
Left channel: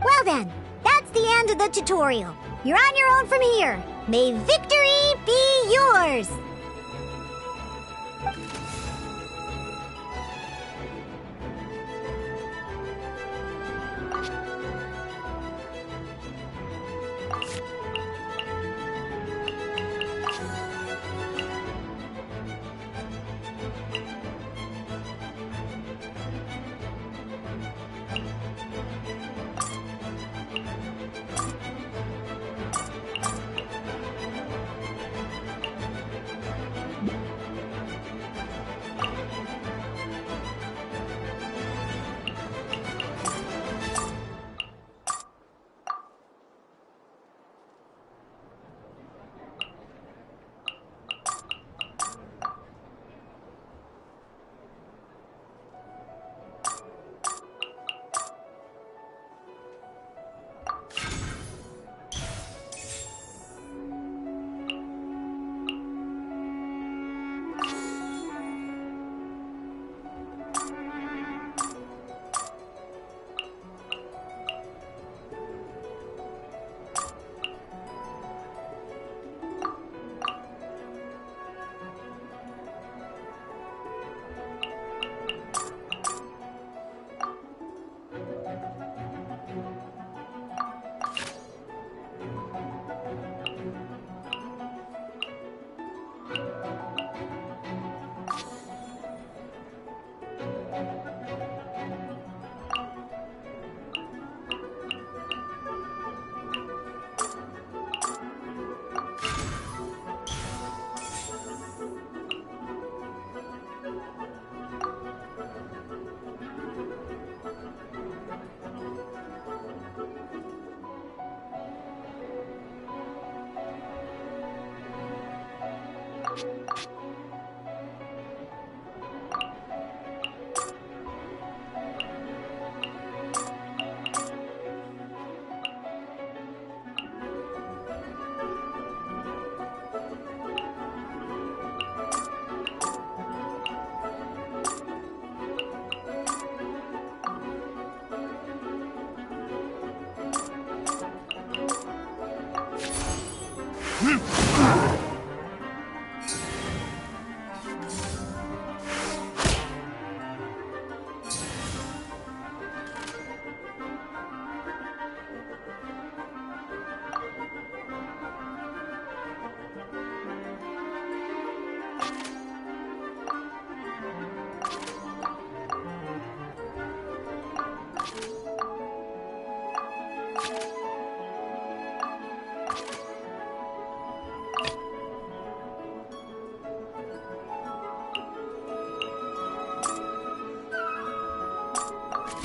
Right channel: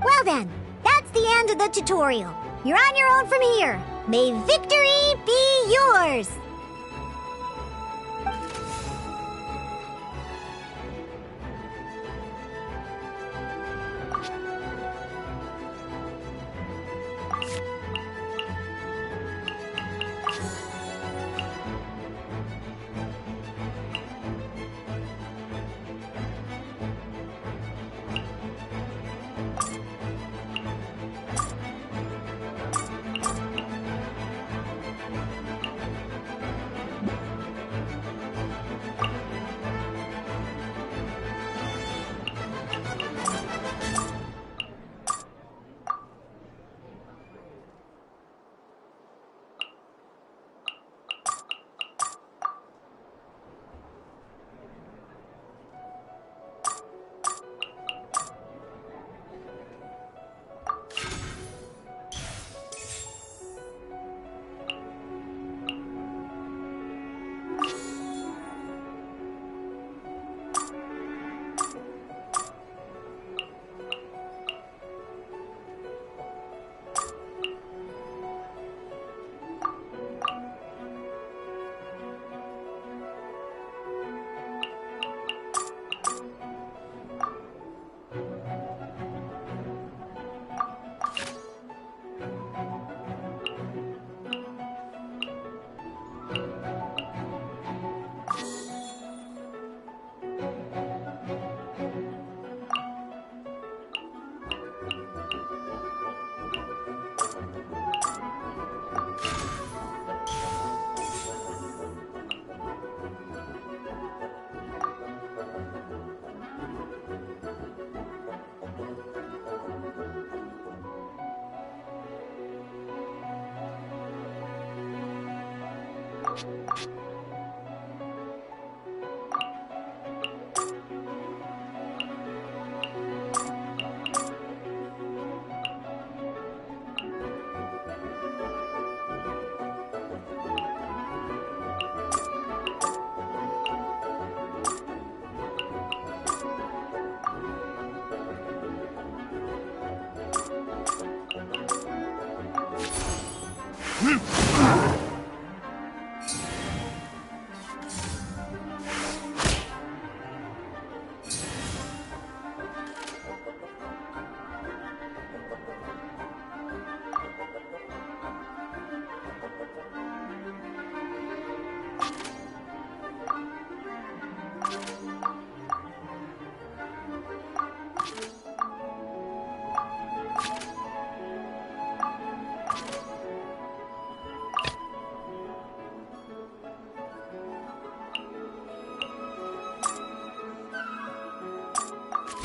Well then, that's the end of the tutorial. You're on your own from here. May victory be yours!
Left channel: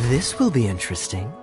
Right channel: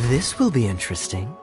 This will be interesting.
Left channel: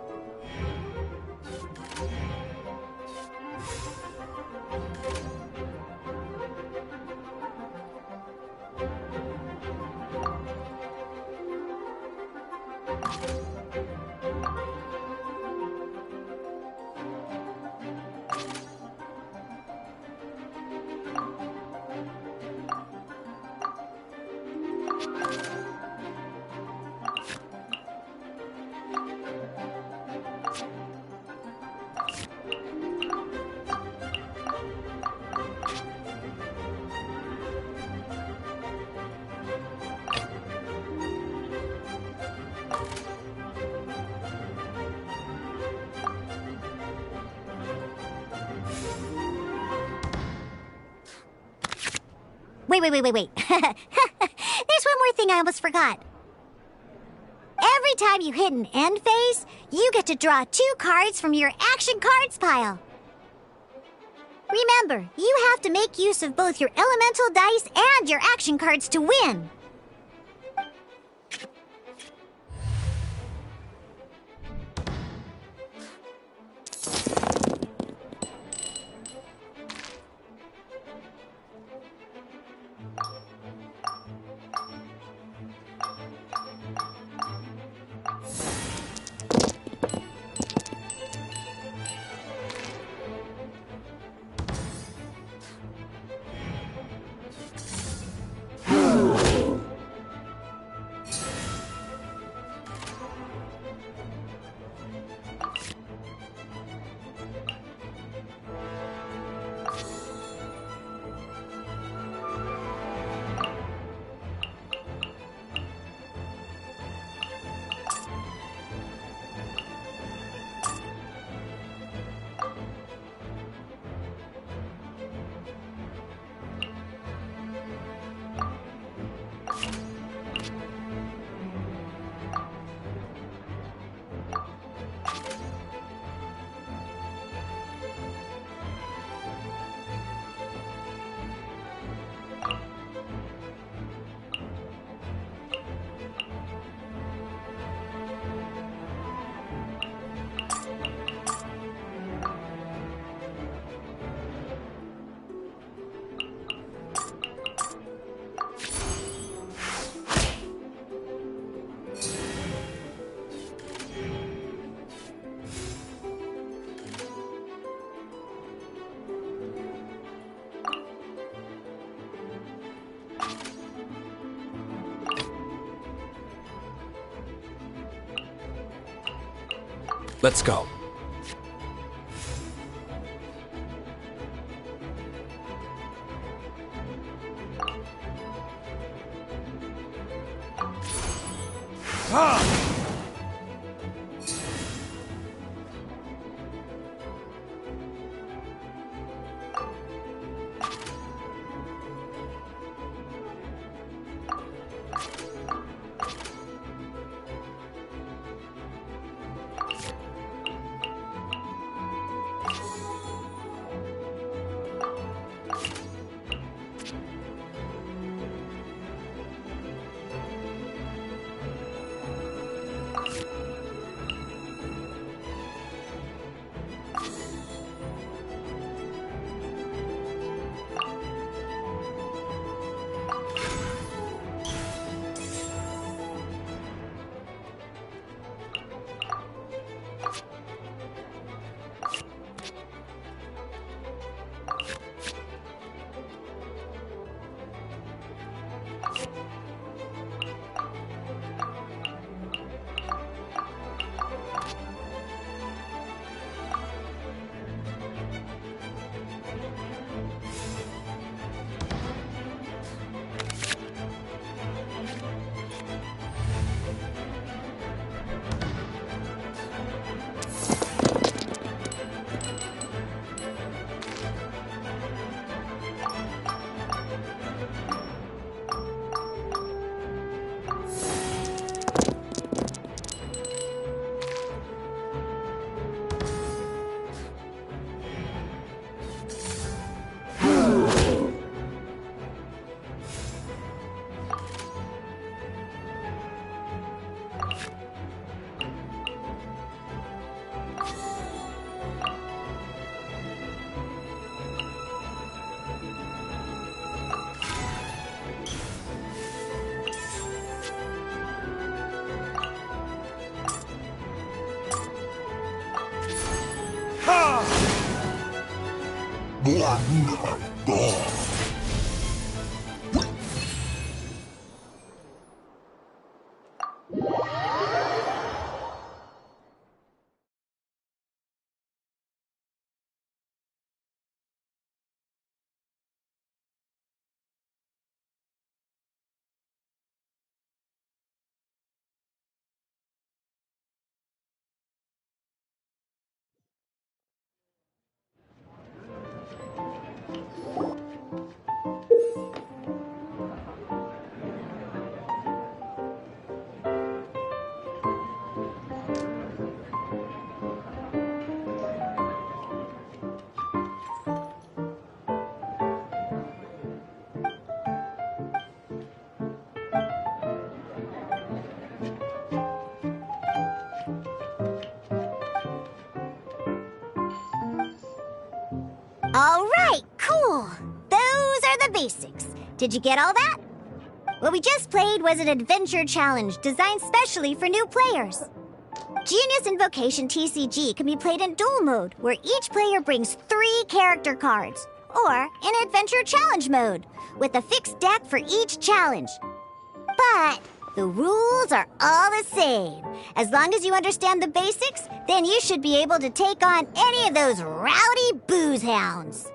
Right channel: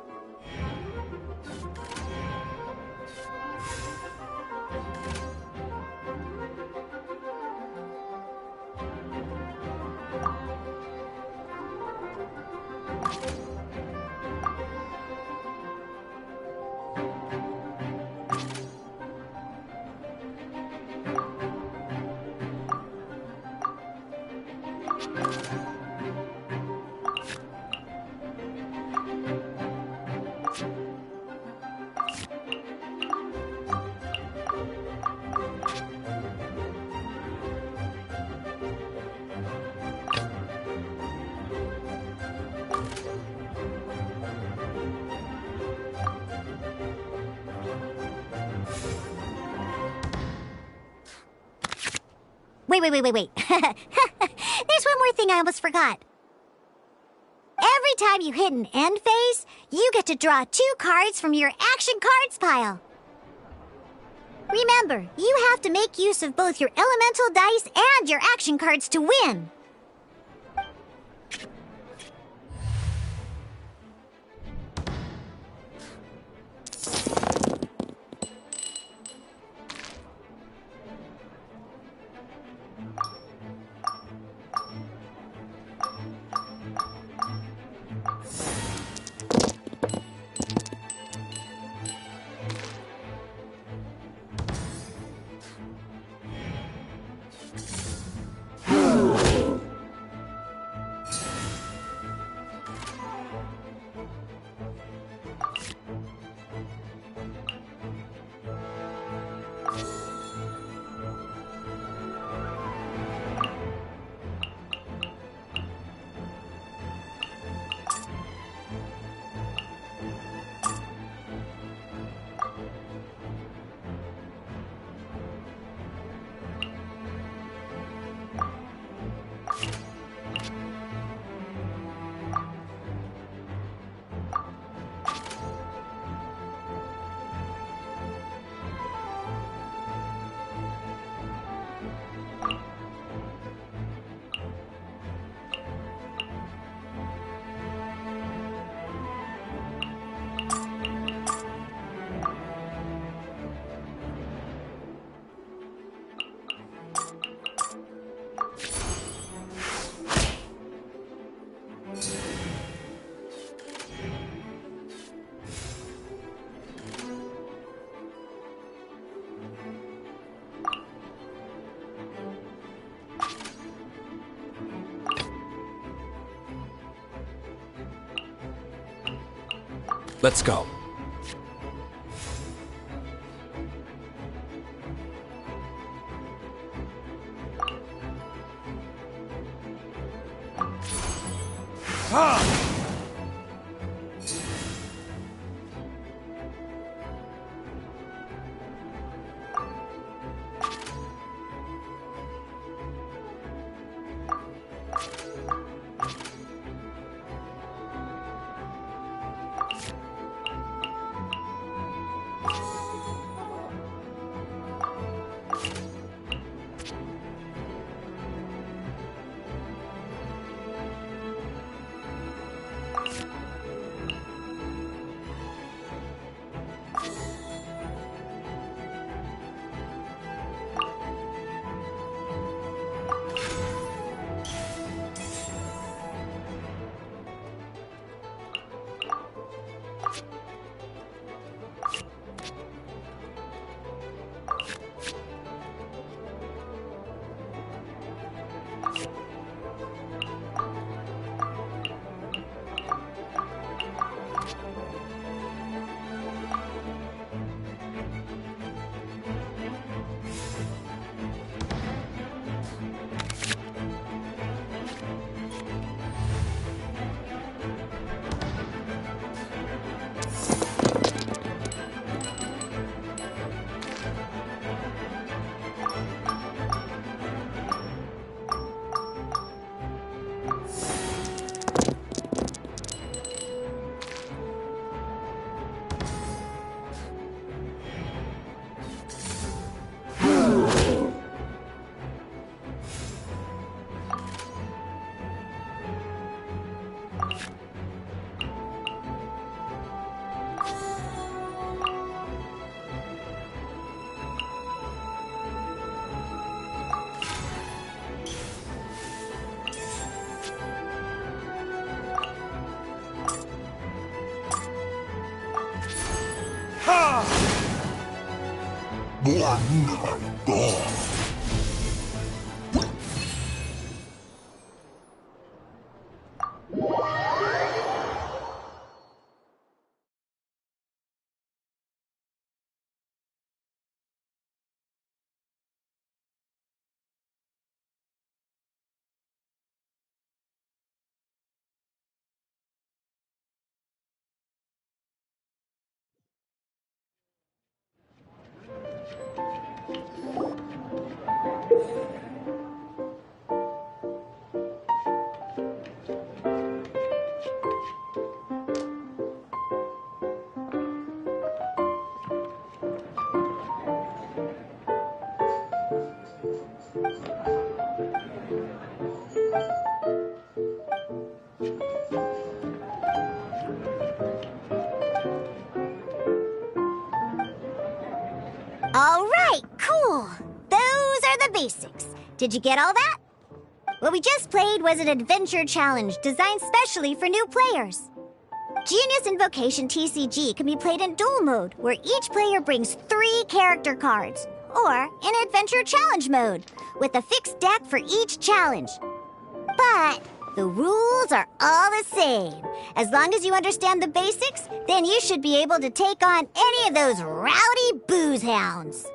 Wait. There's one more thing I almost forgot. Every time you hit an end phase, you get to draw 2 cards from your action cards pile. Remember, you have to make use of both your elemental dice and your action cards to win. Let's go. All right, cool. Those are the basics. Did you get all that? What we just played was an adventure challenge designed specially for new players. Genius Invocation TCG can be played in duel mode, where each player brings 3 character cards, or in adventure challenge mode, with a fixed deck for each challenge. But the rules are all the same. As long as you understand the basics, then you should be able to take on any of those rowdy booze hounds.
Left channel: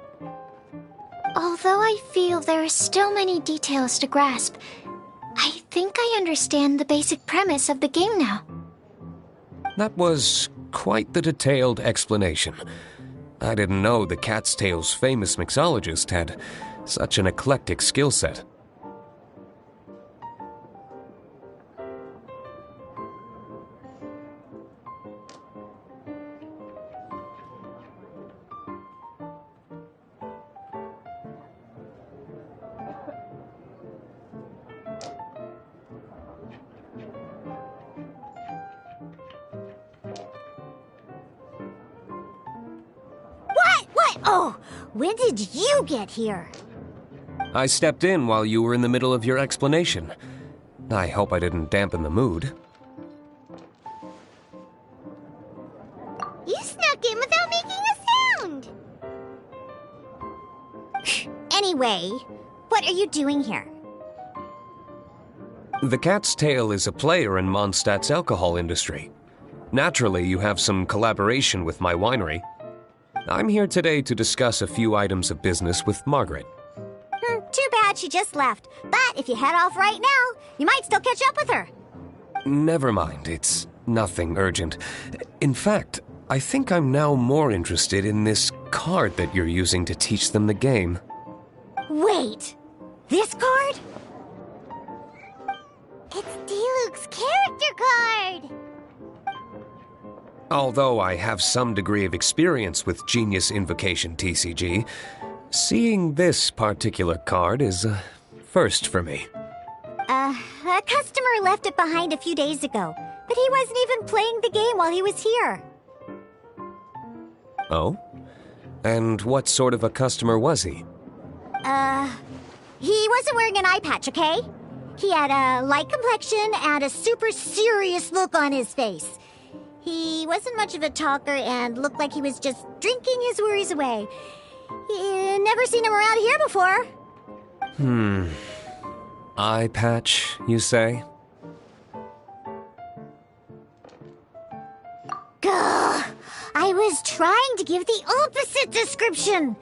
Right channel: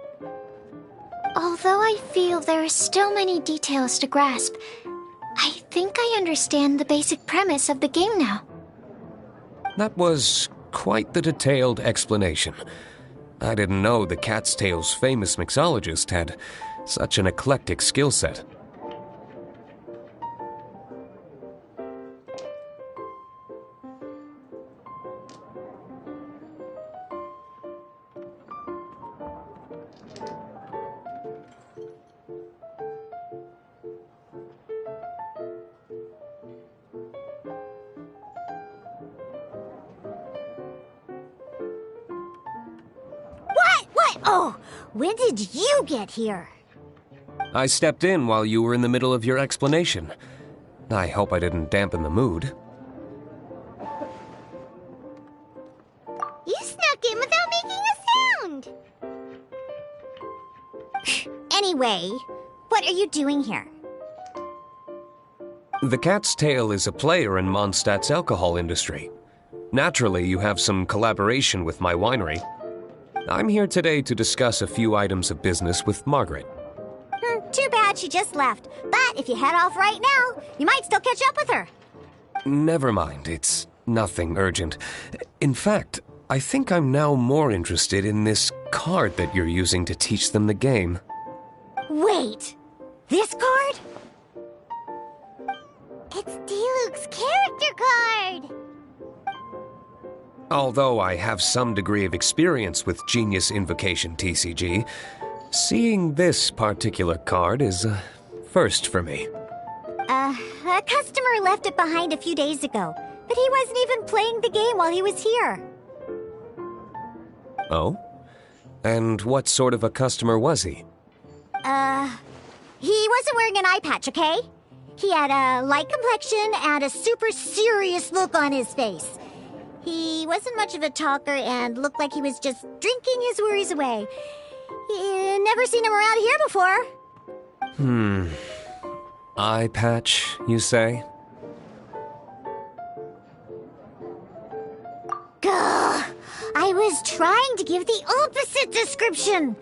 Although I feel there are still many details to grasp, I think I understand the basic premise of the game now. That was quite the detailed explanation. I didn't know the Cat's Tail's famous mixologist had such an eclectic skill set. What? Oh, when did you get here? I stepped in while you were in the middle of your explanation. I hope I didn't dampen the mood. You snuck in without making a sound! Anyway, what are you doing here? The Cat's Tail is a player in Mondstadt's alcohol industry. Naturally, you have some collaboration with my winery. I'm here today to discuss a few items of business with Margaret. Too bad she just left. But if you head off right now, you might still catch up with her. Never mind, it's nothing urgent. In fact, I think I'm now more interested in this card that you're using to teach them the game. Wait, this card? It's Diluc's character card! Although I have some degree of experience with Genius Invocation TCG, seeing this particular card is a first for me. A customer left it behind a few days ago, but he wasn't even playing the game while he was here. Oh? And what sort of a customer was he? He wasn't wearing an eye patch, okay? He had a light complexion and a super serious look on his face. He wasn't much of a talker and looked like he was just drinking his worries away. Never seen him around here before. Eye patch, you say? Gah! I was trying to give the opposite description,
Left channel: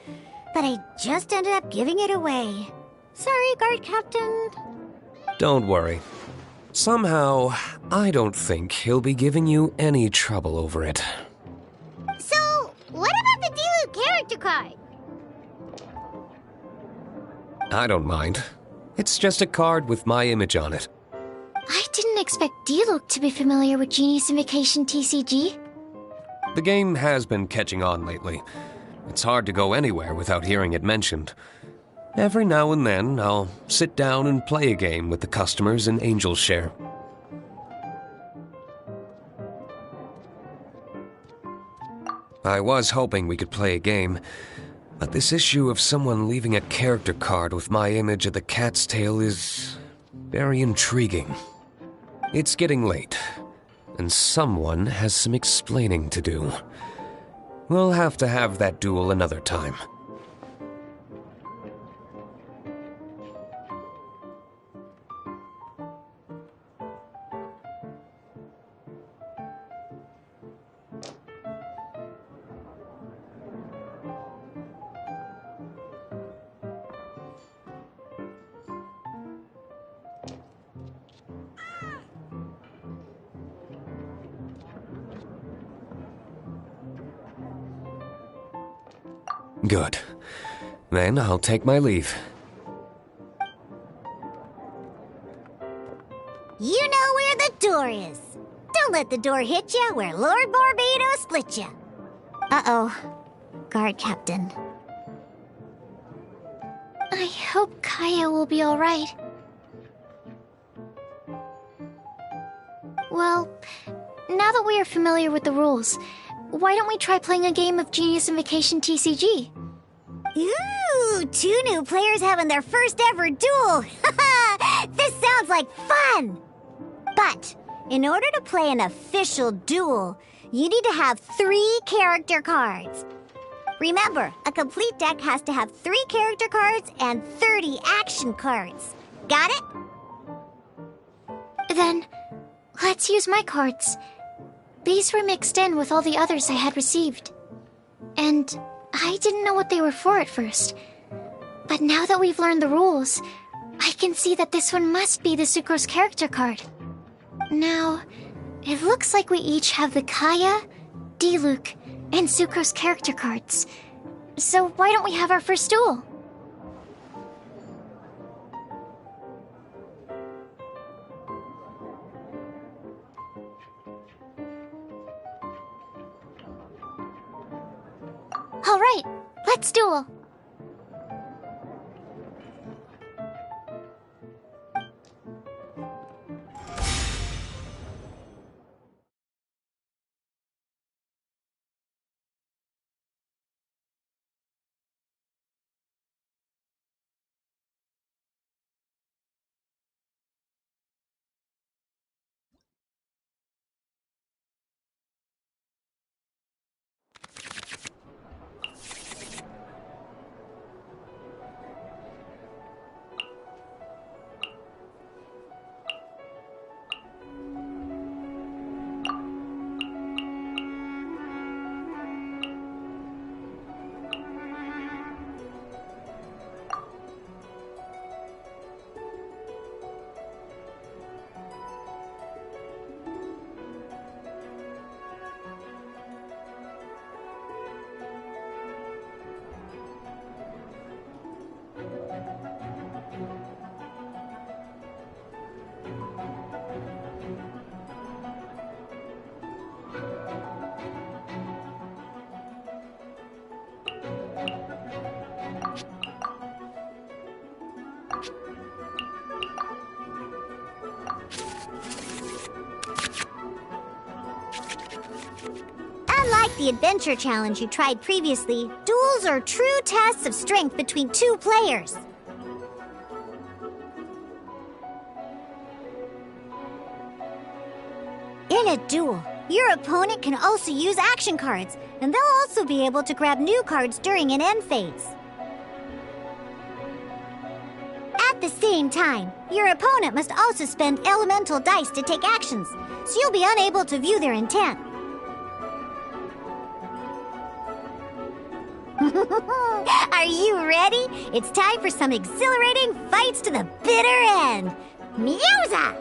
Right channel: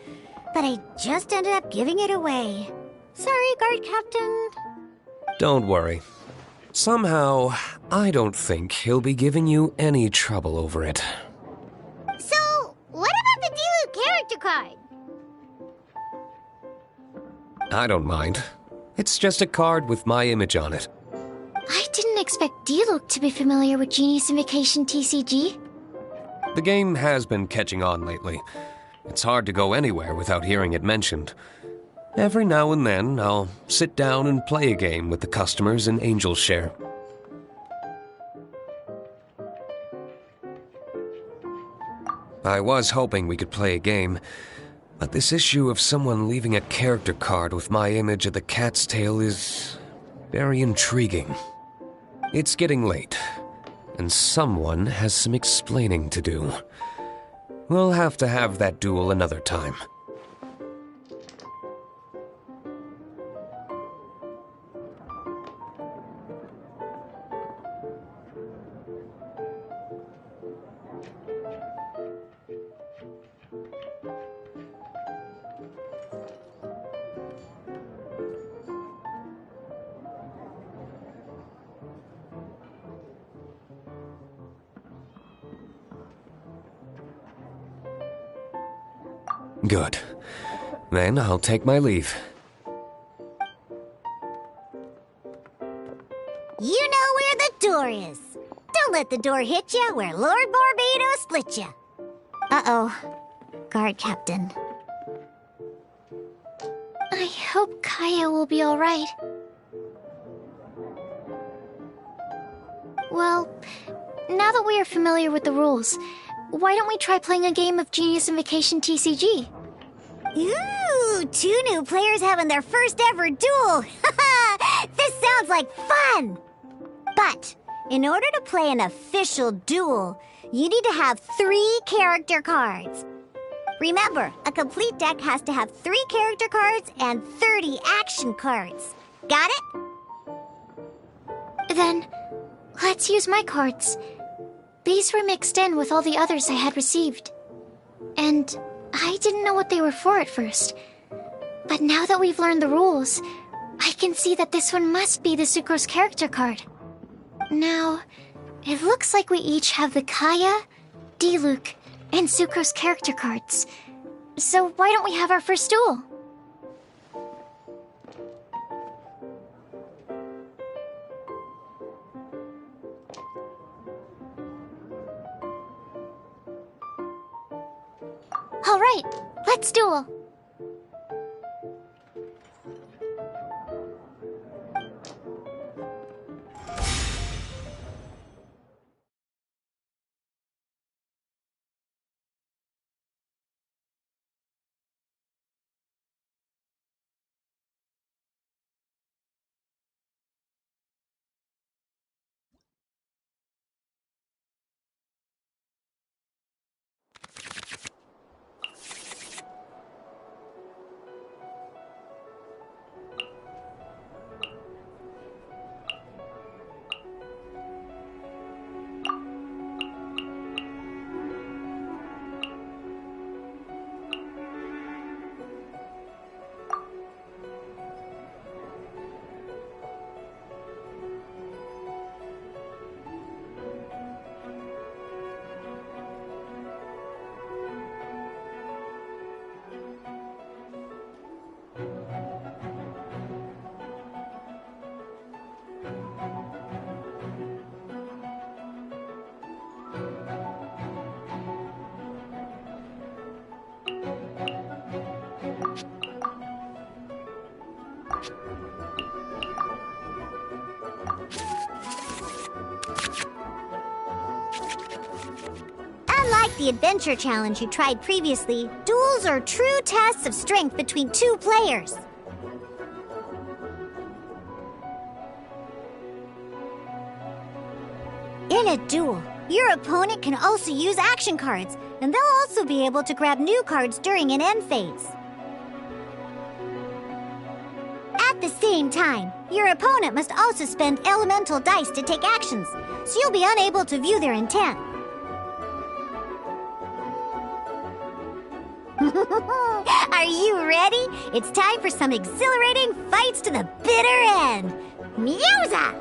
but I just ended up giving it away. Sorry, guard captain. Don't worry. Somehow, I don't think he'll be giving you any trouble over it. So, what about the Diluc character card? I don't mind. It's just a card with my image on it. I didn't expect Diluc to be familiar with Genius Invocation TCG. The game has been catching on lately. It's hard to go anywhere without hearing it mentioned. Every now and then, I'll sit down and play a game with the customers in Angel's Share. I was hoping we could play a game, but this issue of someone leaving a character card with my image of the Cat's Tail is very intriguing. It's getting late, and someone has some explaining to do. We'll have to have that duel another time. Good. Then I'll take my leave. You know where the door is. Don't let the door hit ya where Lord Barbados split ya. Uh-oh. Guard Captain. I hope Kaya will be alright. Well, now that we are familiar with the rules, why don't we try playing a game of Genius Invocation TCG? Ooh, 2 new players having their first ever duel. This sounds like fun! But, in order to play an official duel, you need to have 3 character cards. Remember, a complete deck has to have 3 character cards and 30 action cards. Got it? Then, let's use my cards. These were mixed in with all the others I had received. And I didn't know what they were for at first. But now that we've learned the rules, I can see that this one must be the Sucrose character card. Now, it looks like we each have the Kaya, Diluc, and Sucrose character cards. So why don't we have our first duel? All right, let's duel. Unlike the adventure challenge you tried previously, duels are true tests of strength between 2 players. In a duel, your opponent can also use action cards, and they'll also be able to grab new cards during an end phase. At the same time, your opponent must also spend elemental dice to take actions, so you'll be unable to view their intent. Are you ready? It's time for some exhilarating fights to the bitter end. Meowza!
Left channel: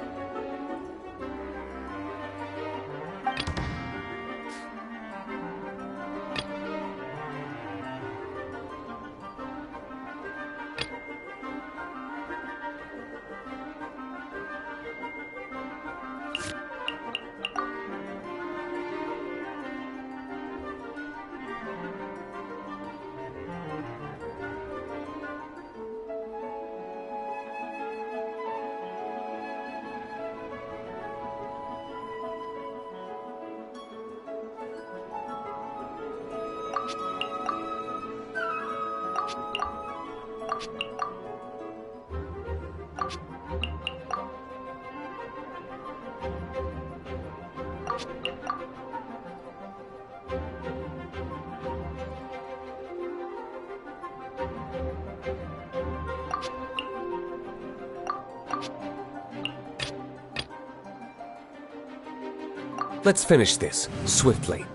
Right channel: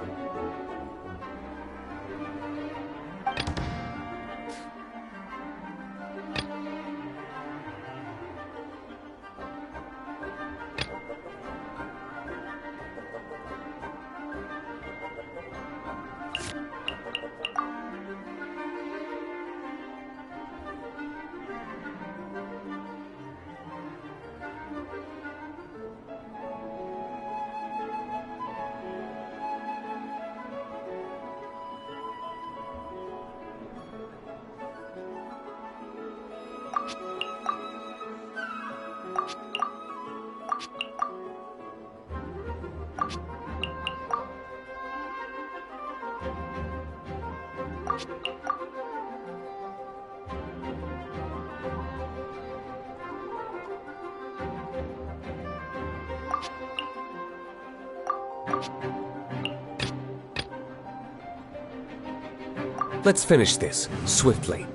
Let's finish this, swiftly.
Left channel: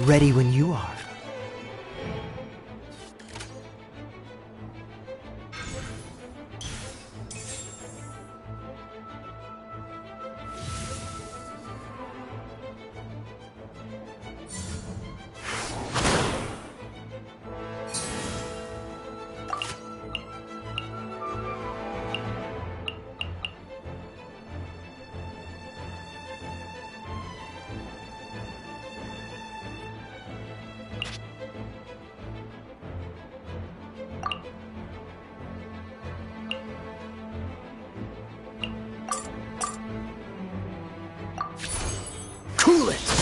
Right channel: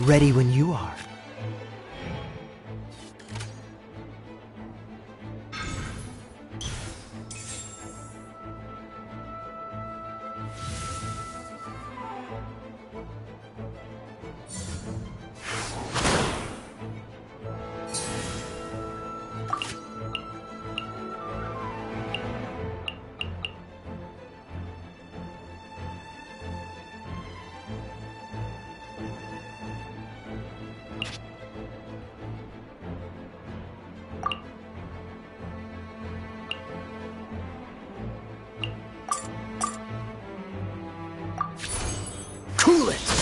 Ready when you are. Cool it!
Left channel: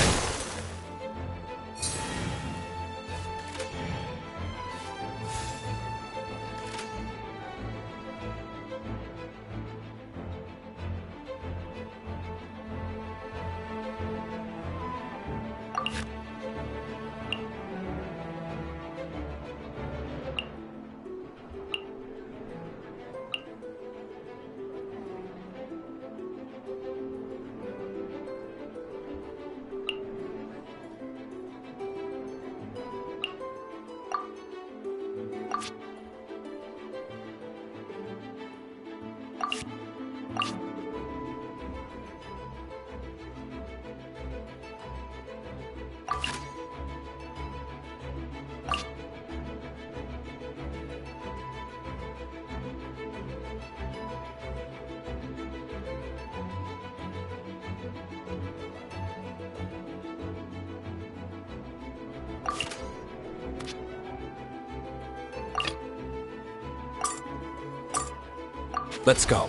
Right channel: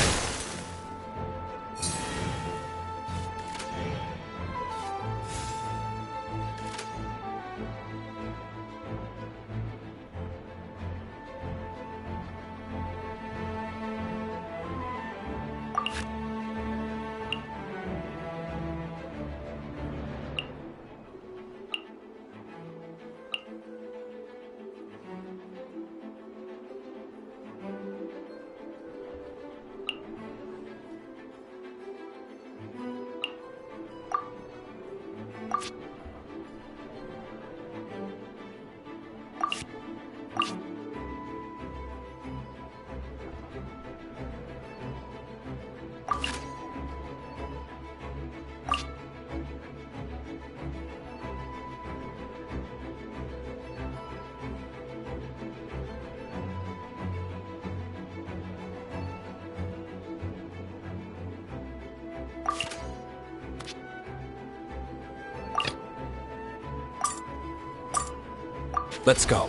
Let's go.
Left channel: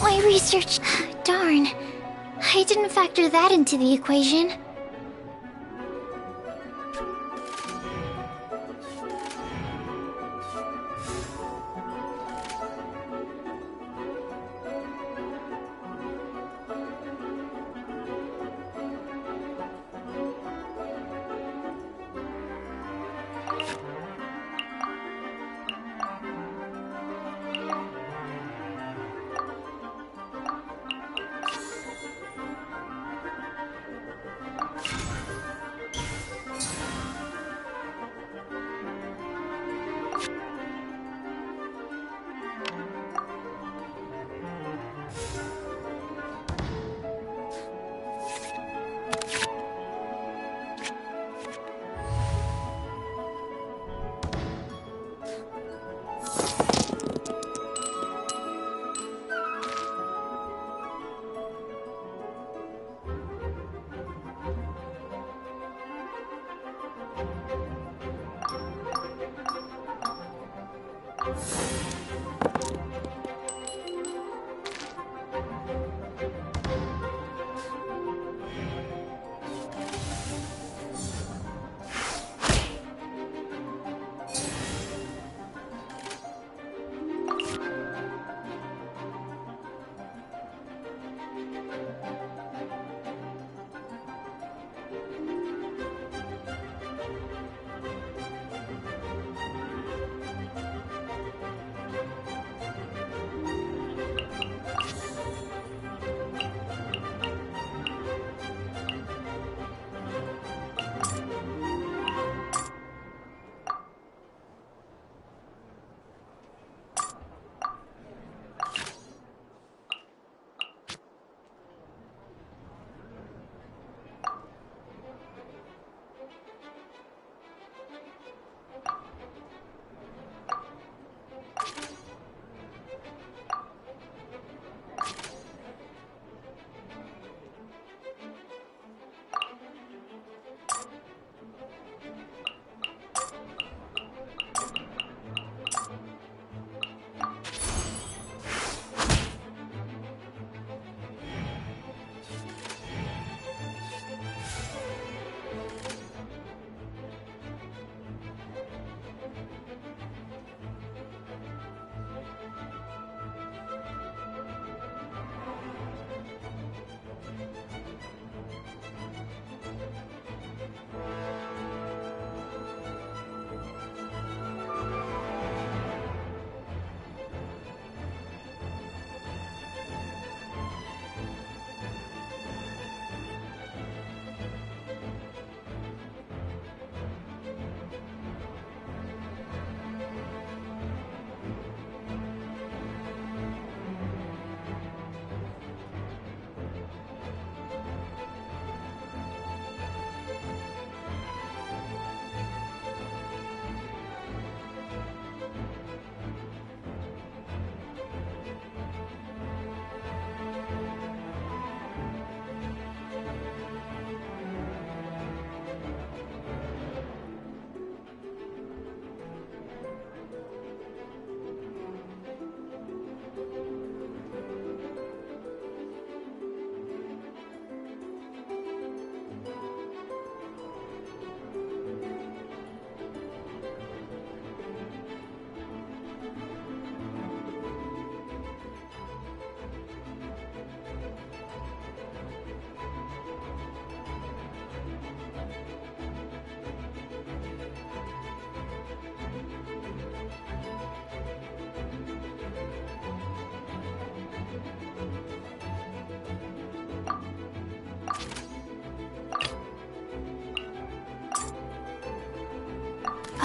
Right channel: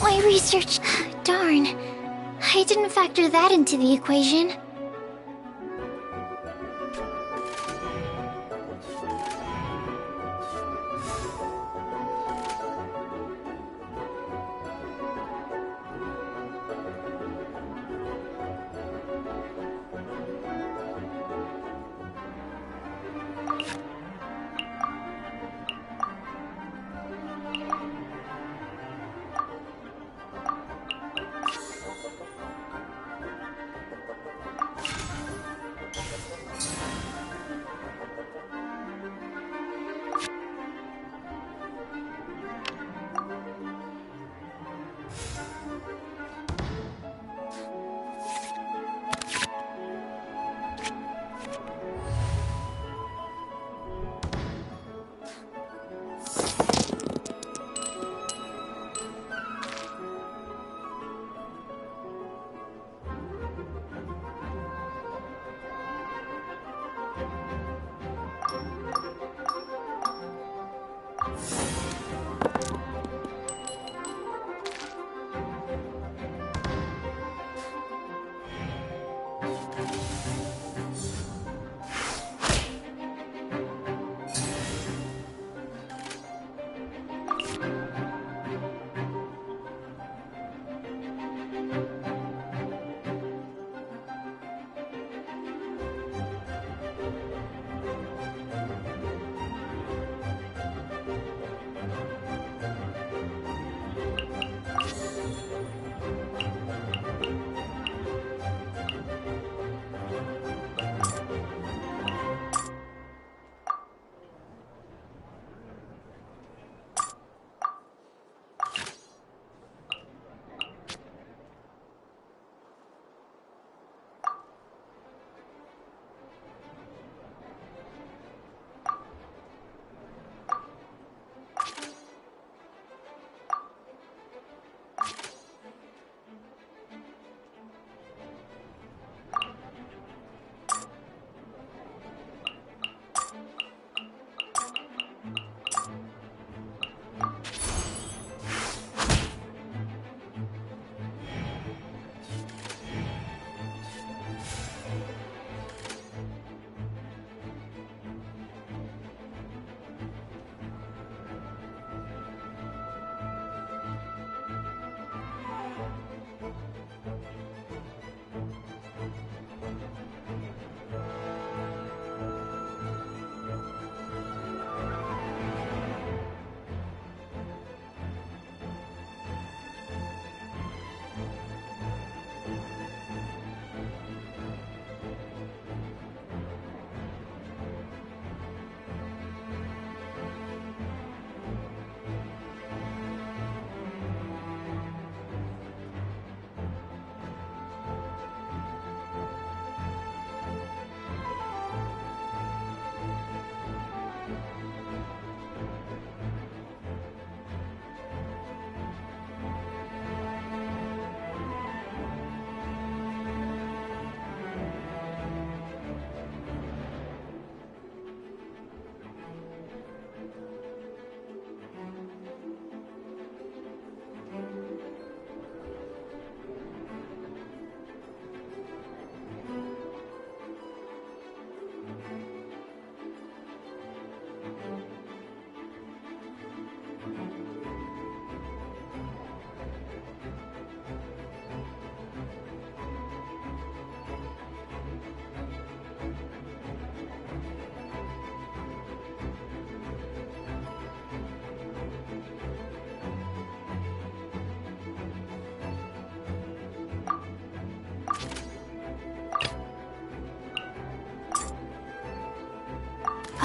My research... Darn. I didn't factor that into the equation.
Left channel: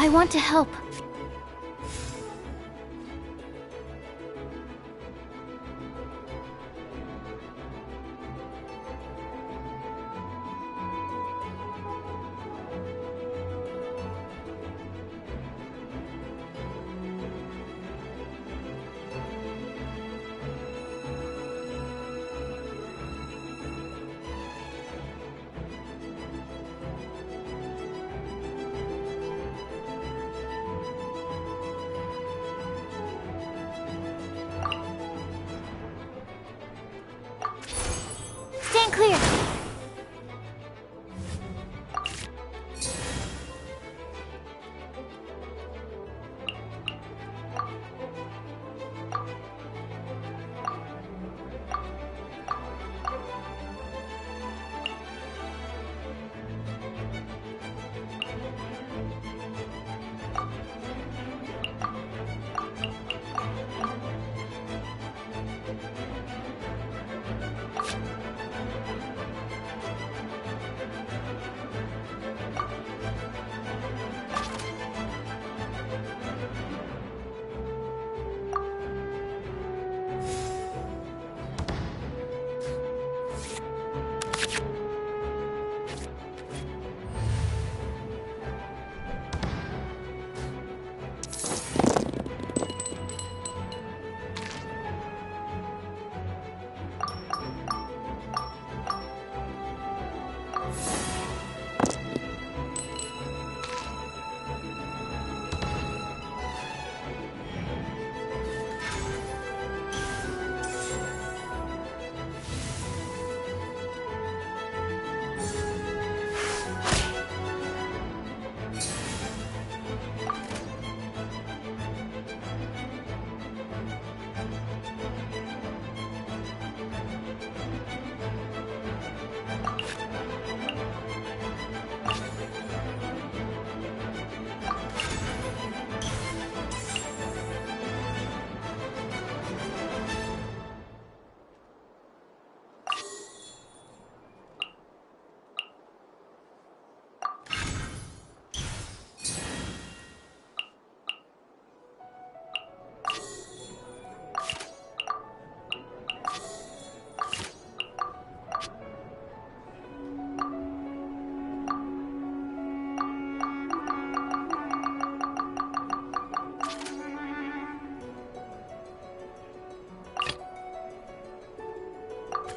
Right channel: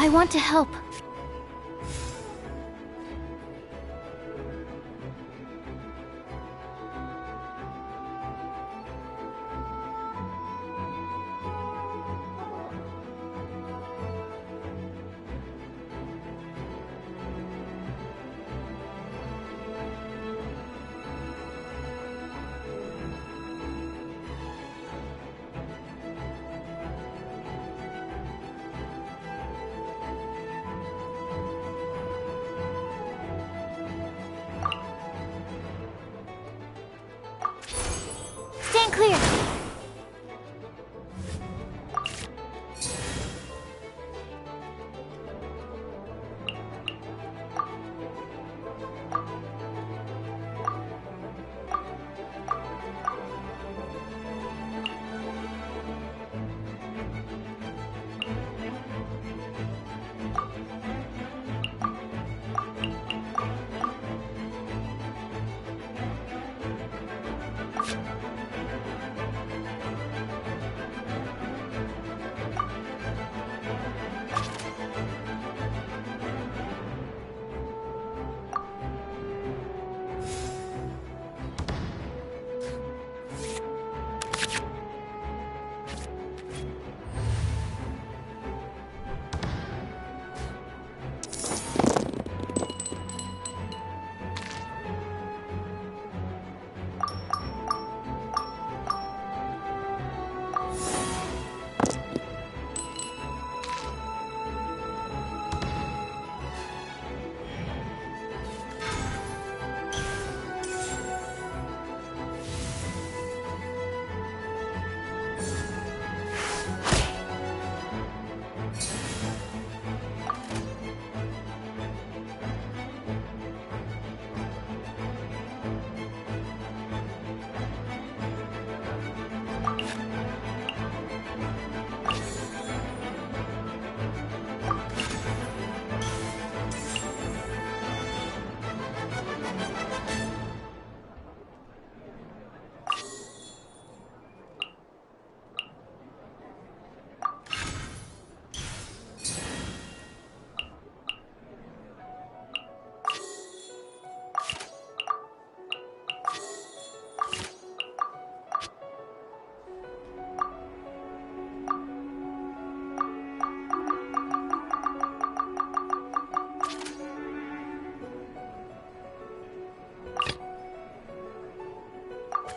I want to help. clear.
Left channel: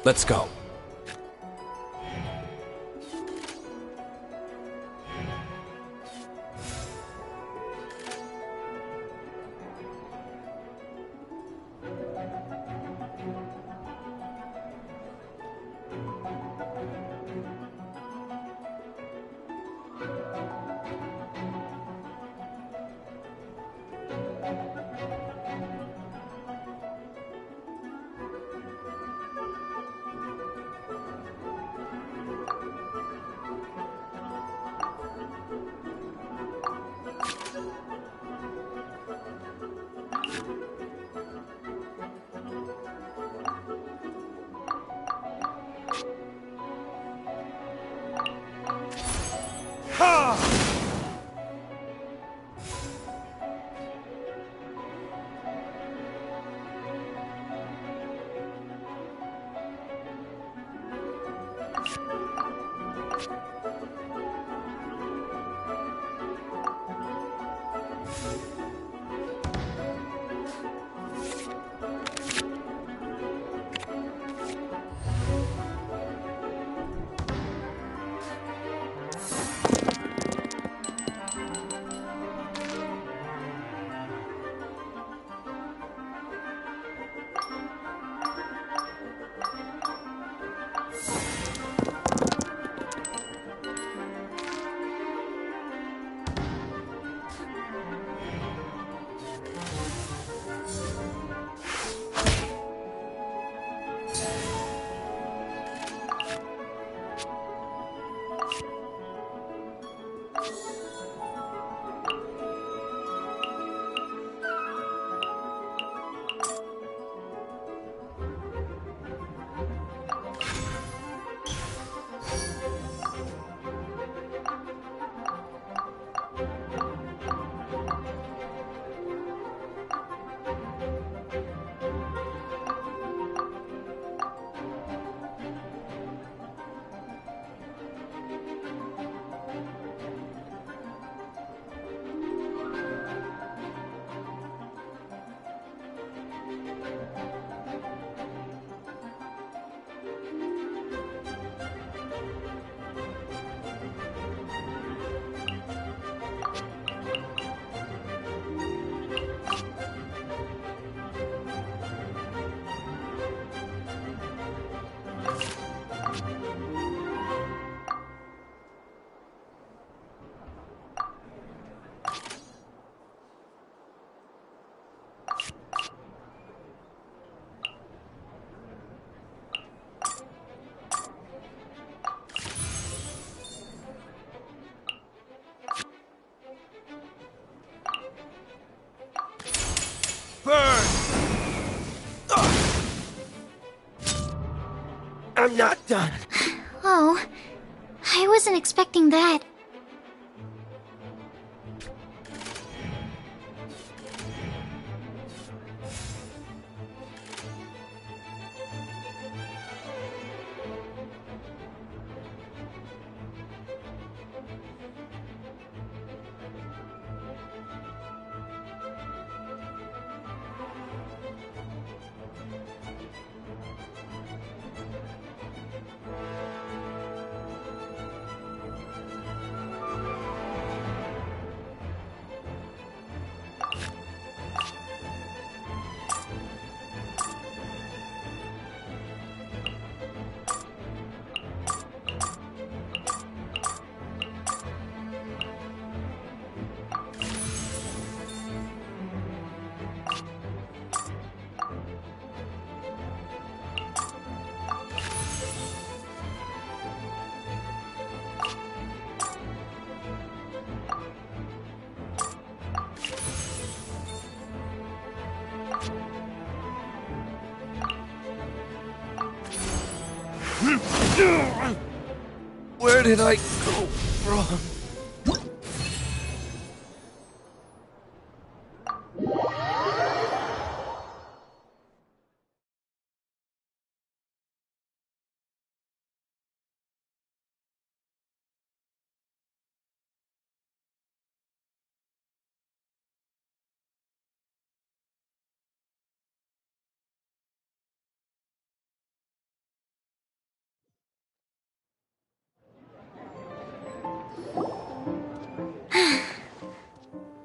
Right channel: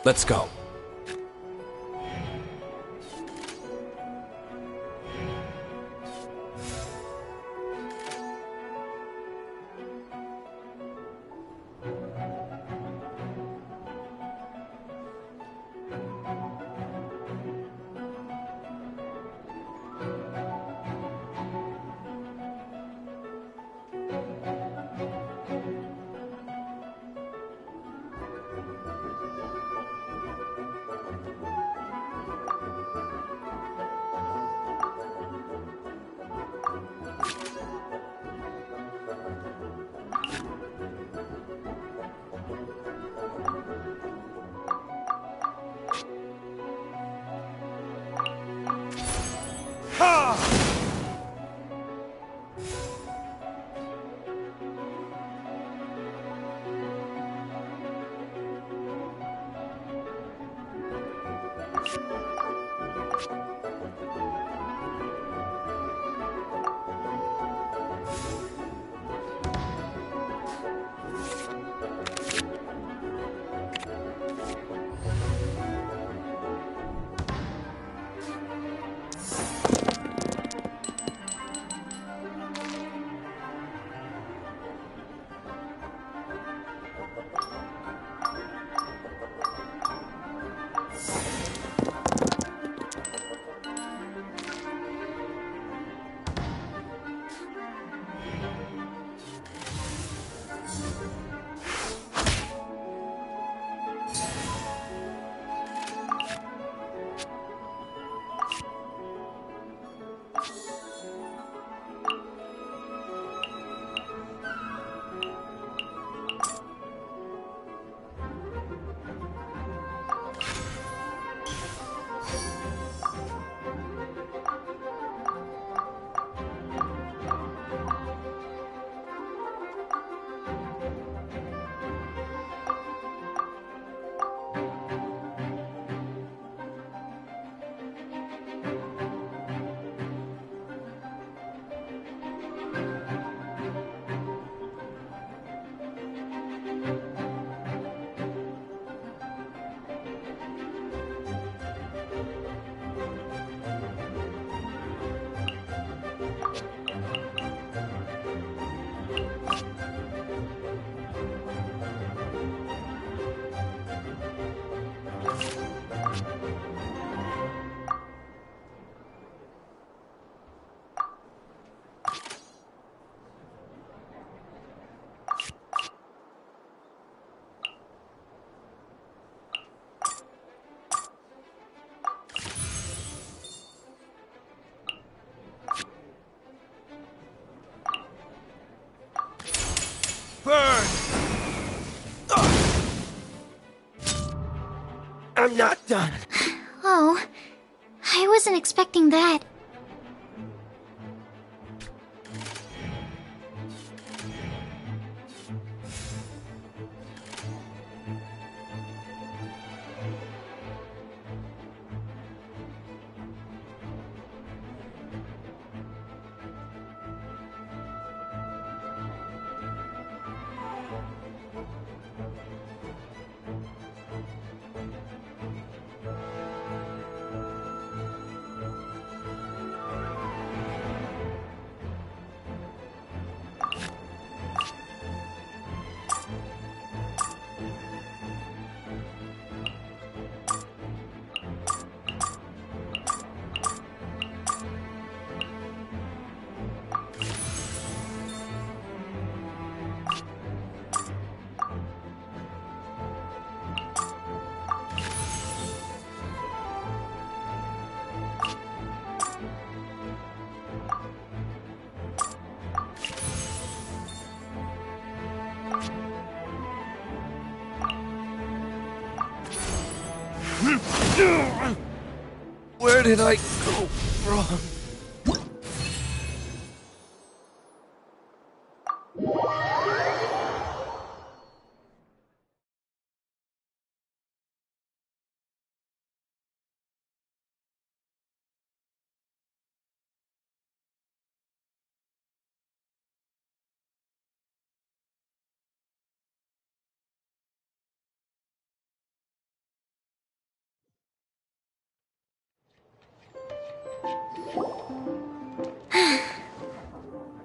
Let's go. I'm not done. Oh, I wasn't expecting that. Where did I go wrong?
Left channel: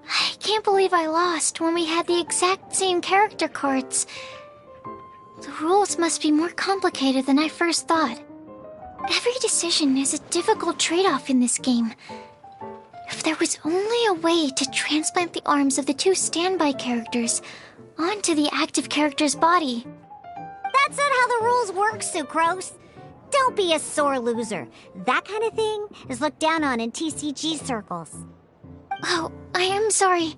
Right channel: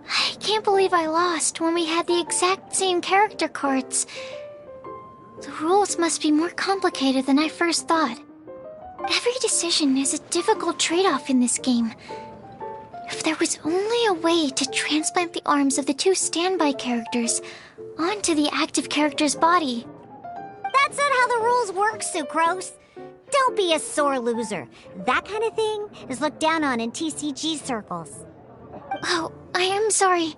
I can't believe I lost when we had the exact same character cards. The rules must be more complicated than I first thought. Every decision is a difficult trade-off in this game. If there was only a way to transplant the arms of the two standby characters onto the active character's body. That's not how the rules work, Sucrose. Don't be a sore loser. That kind of thing is looked down on in TCG circles. Oh, I am sorry.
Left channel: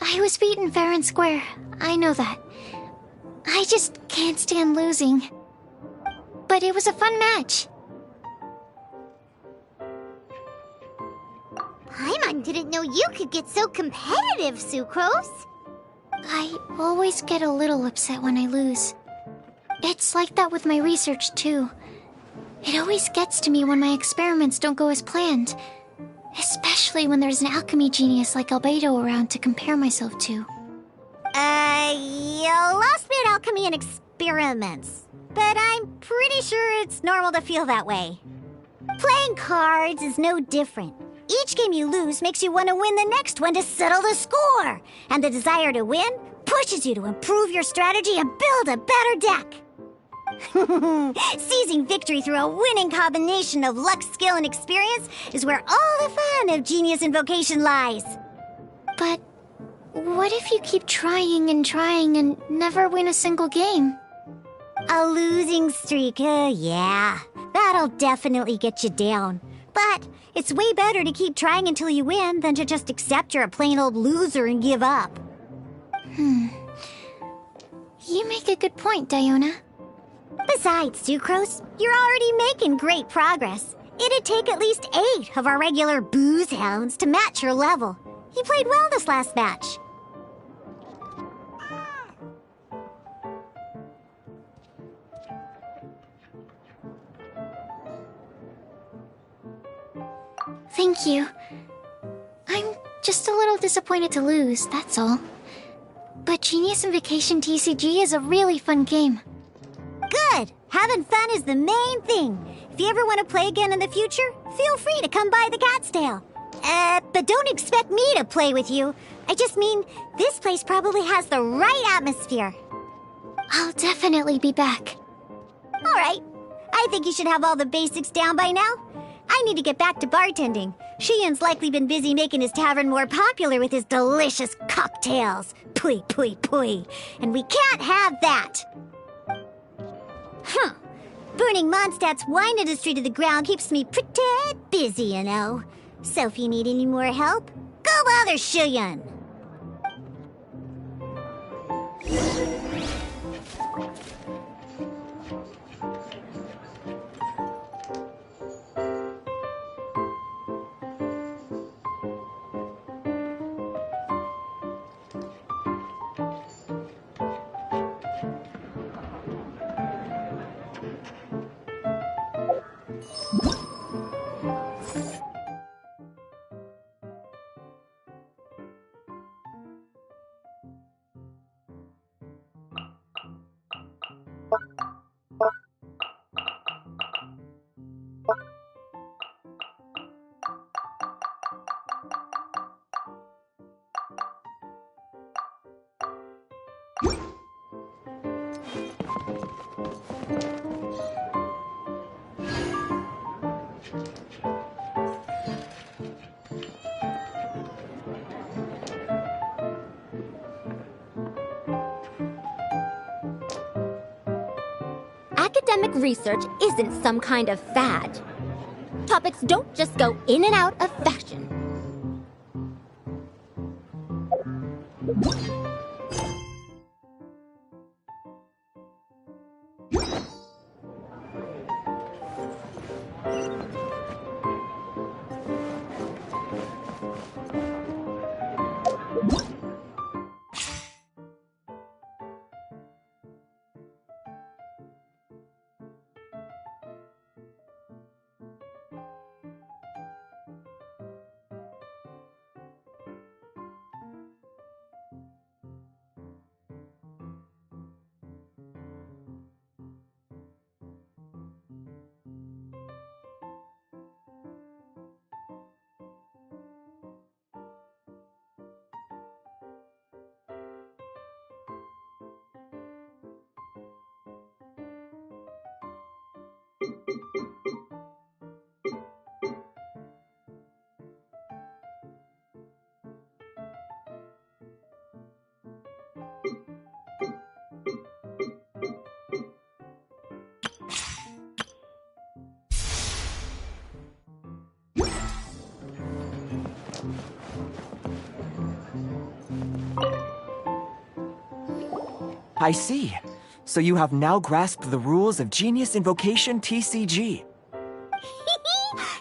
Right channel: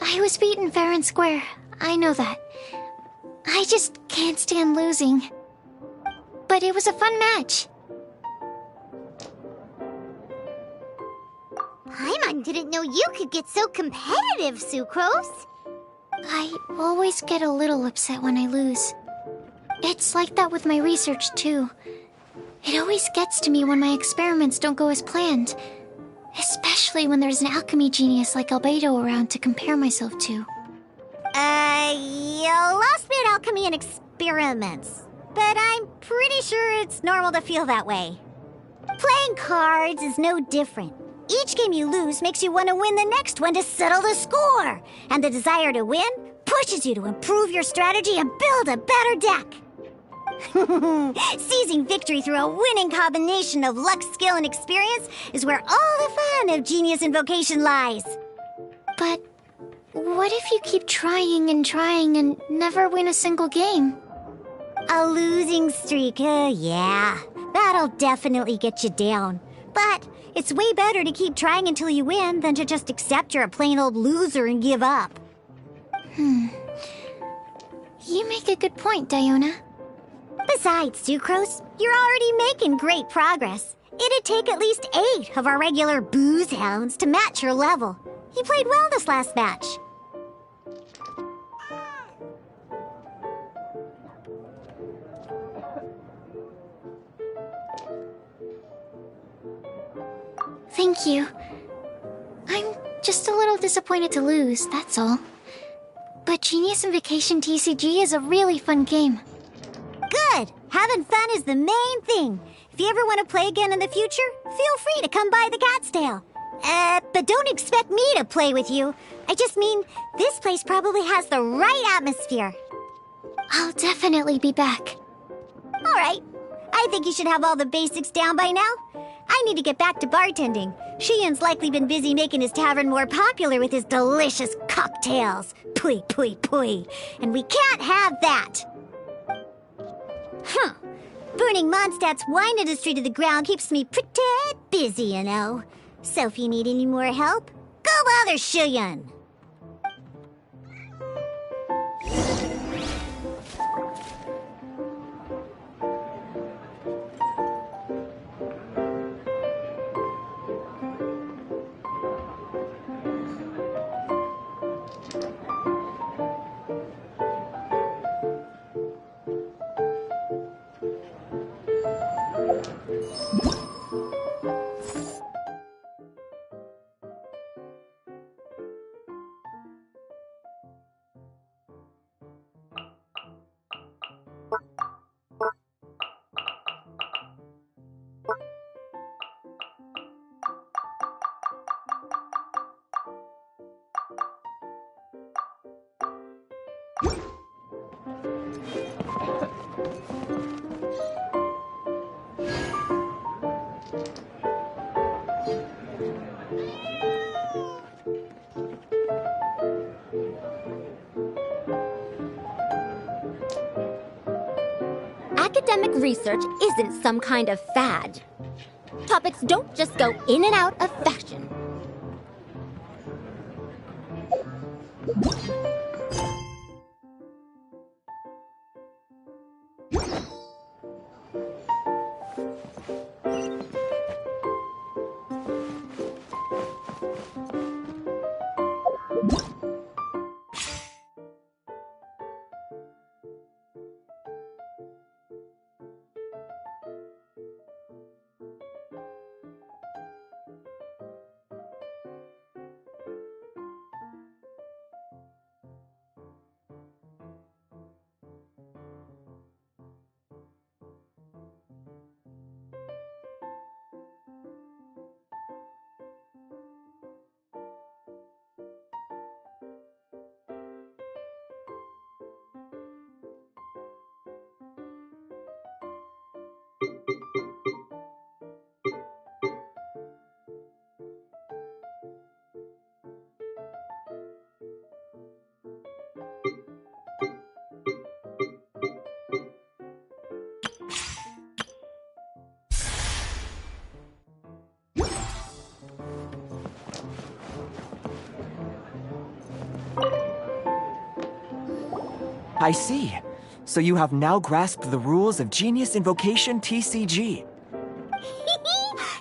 I was beaten fair and square. I know that. I just can't stand losing. But it was a fun match. Paimon didn't know you could get so competitive, Sucrose. I always get a little upset when I lose. It's like that with my research, too. It always gets to me when my experiments don't go as planned. Especially when there's an alchemy genius like Albedo around to compare myself to. You lost me at alchemy and experiments. But I'm pretty sure it's normal to feel that way. Playing cards is no different. Each game you lose makes you want to win the next one to settle the score. And the desire to win pushes you to improve your strategy and build a better deck. Seizing victory through a winning combination of luck, skill, and experience is where all the fun of Genius Invocation lies. But what if you keep trying and never win a single game? A losing streak, yeah. That'll definitely get you down. But it's way better to keep trying until you win than to just accept you're a plain old loser and give up. You make a good point, Diona. Besides, Sucrose, you're already making great progress. It'd take at least 8 of our regular booze hounds to match your level. You played well this last match. Thank you. I'm just a little disappointed to lose, that's all. But Genius Invocation TCG is a really fun game. Good! Having fun is the main thing. If you ever want to play again in the future, feel free to come by the Cat's Tail. But don't expect me to play with you. I just mean, this place probably has the right atmosphere. I'll definitely be back. All right. I think you should have all the basics down by now. I need to get back to bartending. Shiyan's likely been busy making his tavern more popular with his delicious cocktails. Pui, pui, pui. And we can't have that. Huh. Burning Mondstadt's wine industry to the ground keeps me pretty busy, you know. So if you need any more help, go bother Shiyan. Academic research isn't some kind of fad. Topics don't just go in and out of fashion. I see. So you have now grasped the rules of Genius Invocation TCG.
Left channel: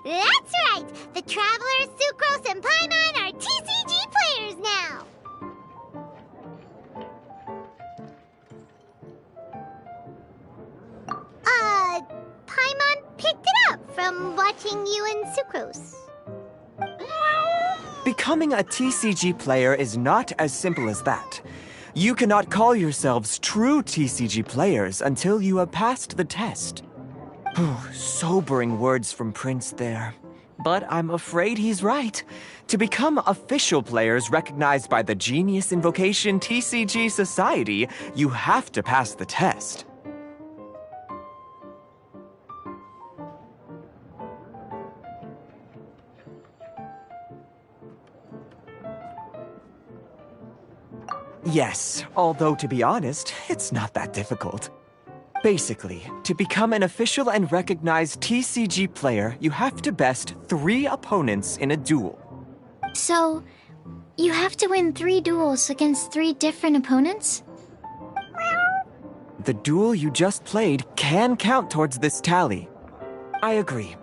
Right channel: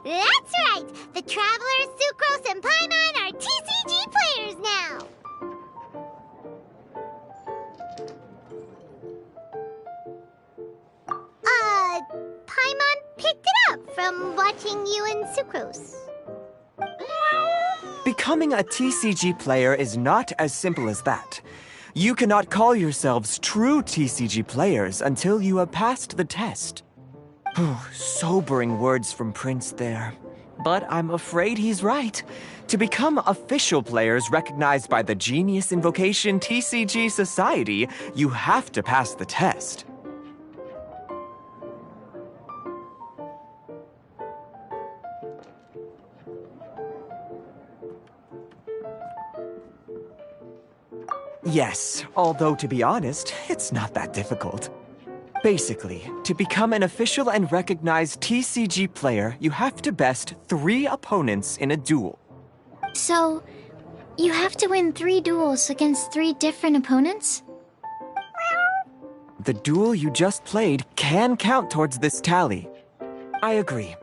That's right! The Travelers, Sucrose, and Paimon are TCG players now! Paimon picked it up from watching you and Sucrose. Becoming a TCG player is not as simple as that. You cannot call yourselves true TCG players until you have passed the test. Sobering words from Prince there. But I'm afraid he's right. To become official players recognized by the Genius Invocation TCG Society, you have to pass the test. Yes, although to be honest, it's not that difficult. Basically, to become an official and recognized TCG player, you have to best 3 opponents in a duel. So, you have to win 3 duels against 3 different opponents? The duel you just played can count towards this tally. I agree.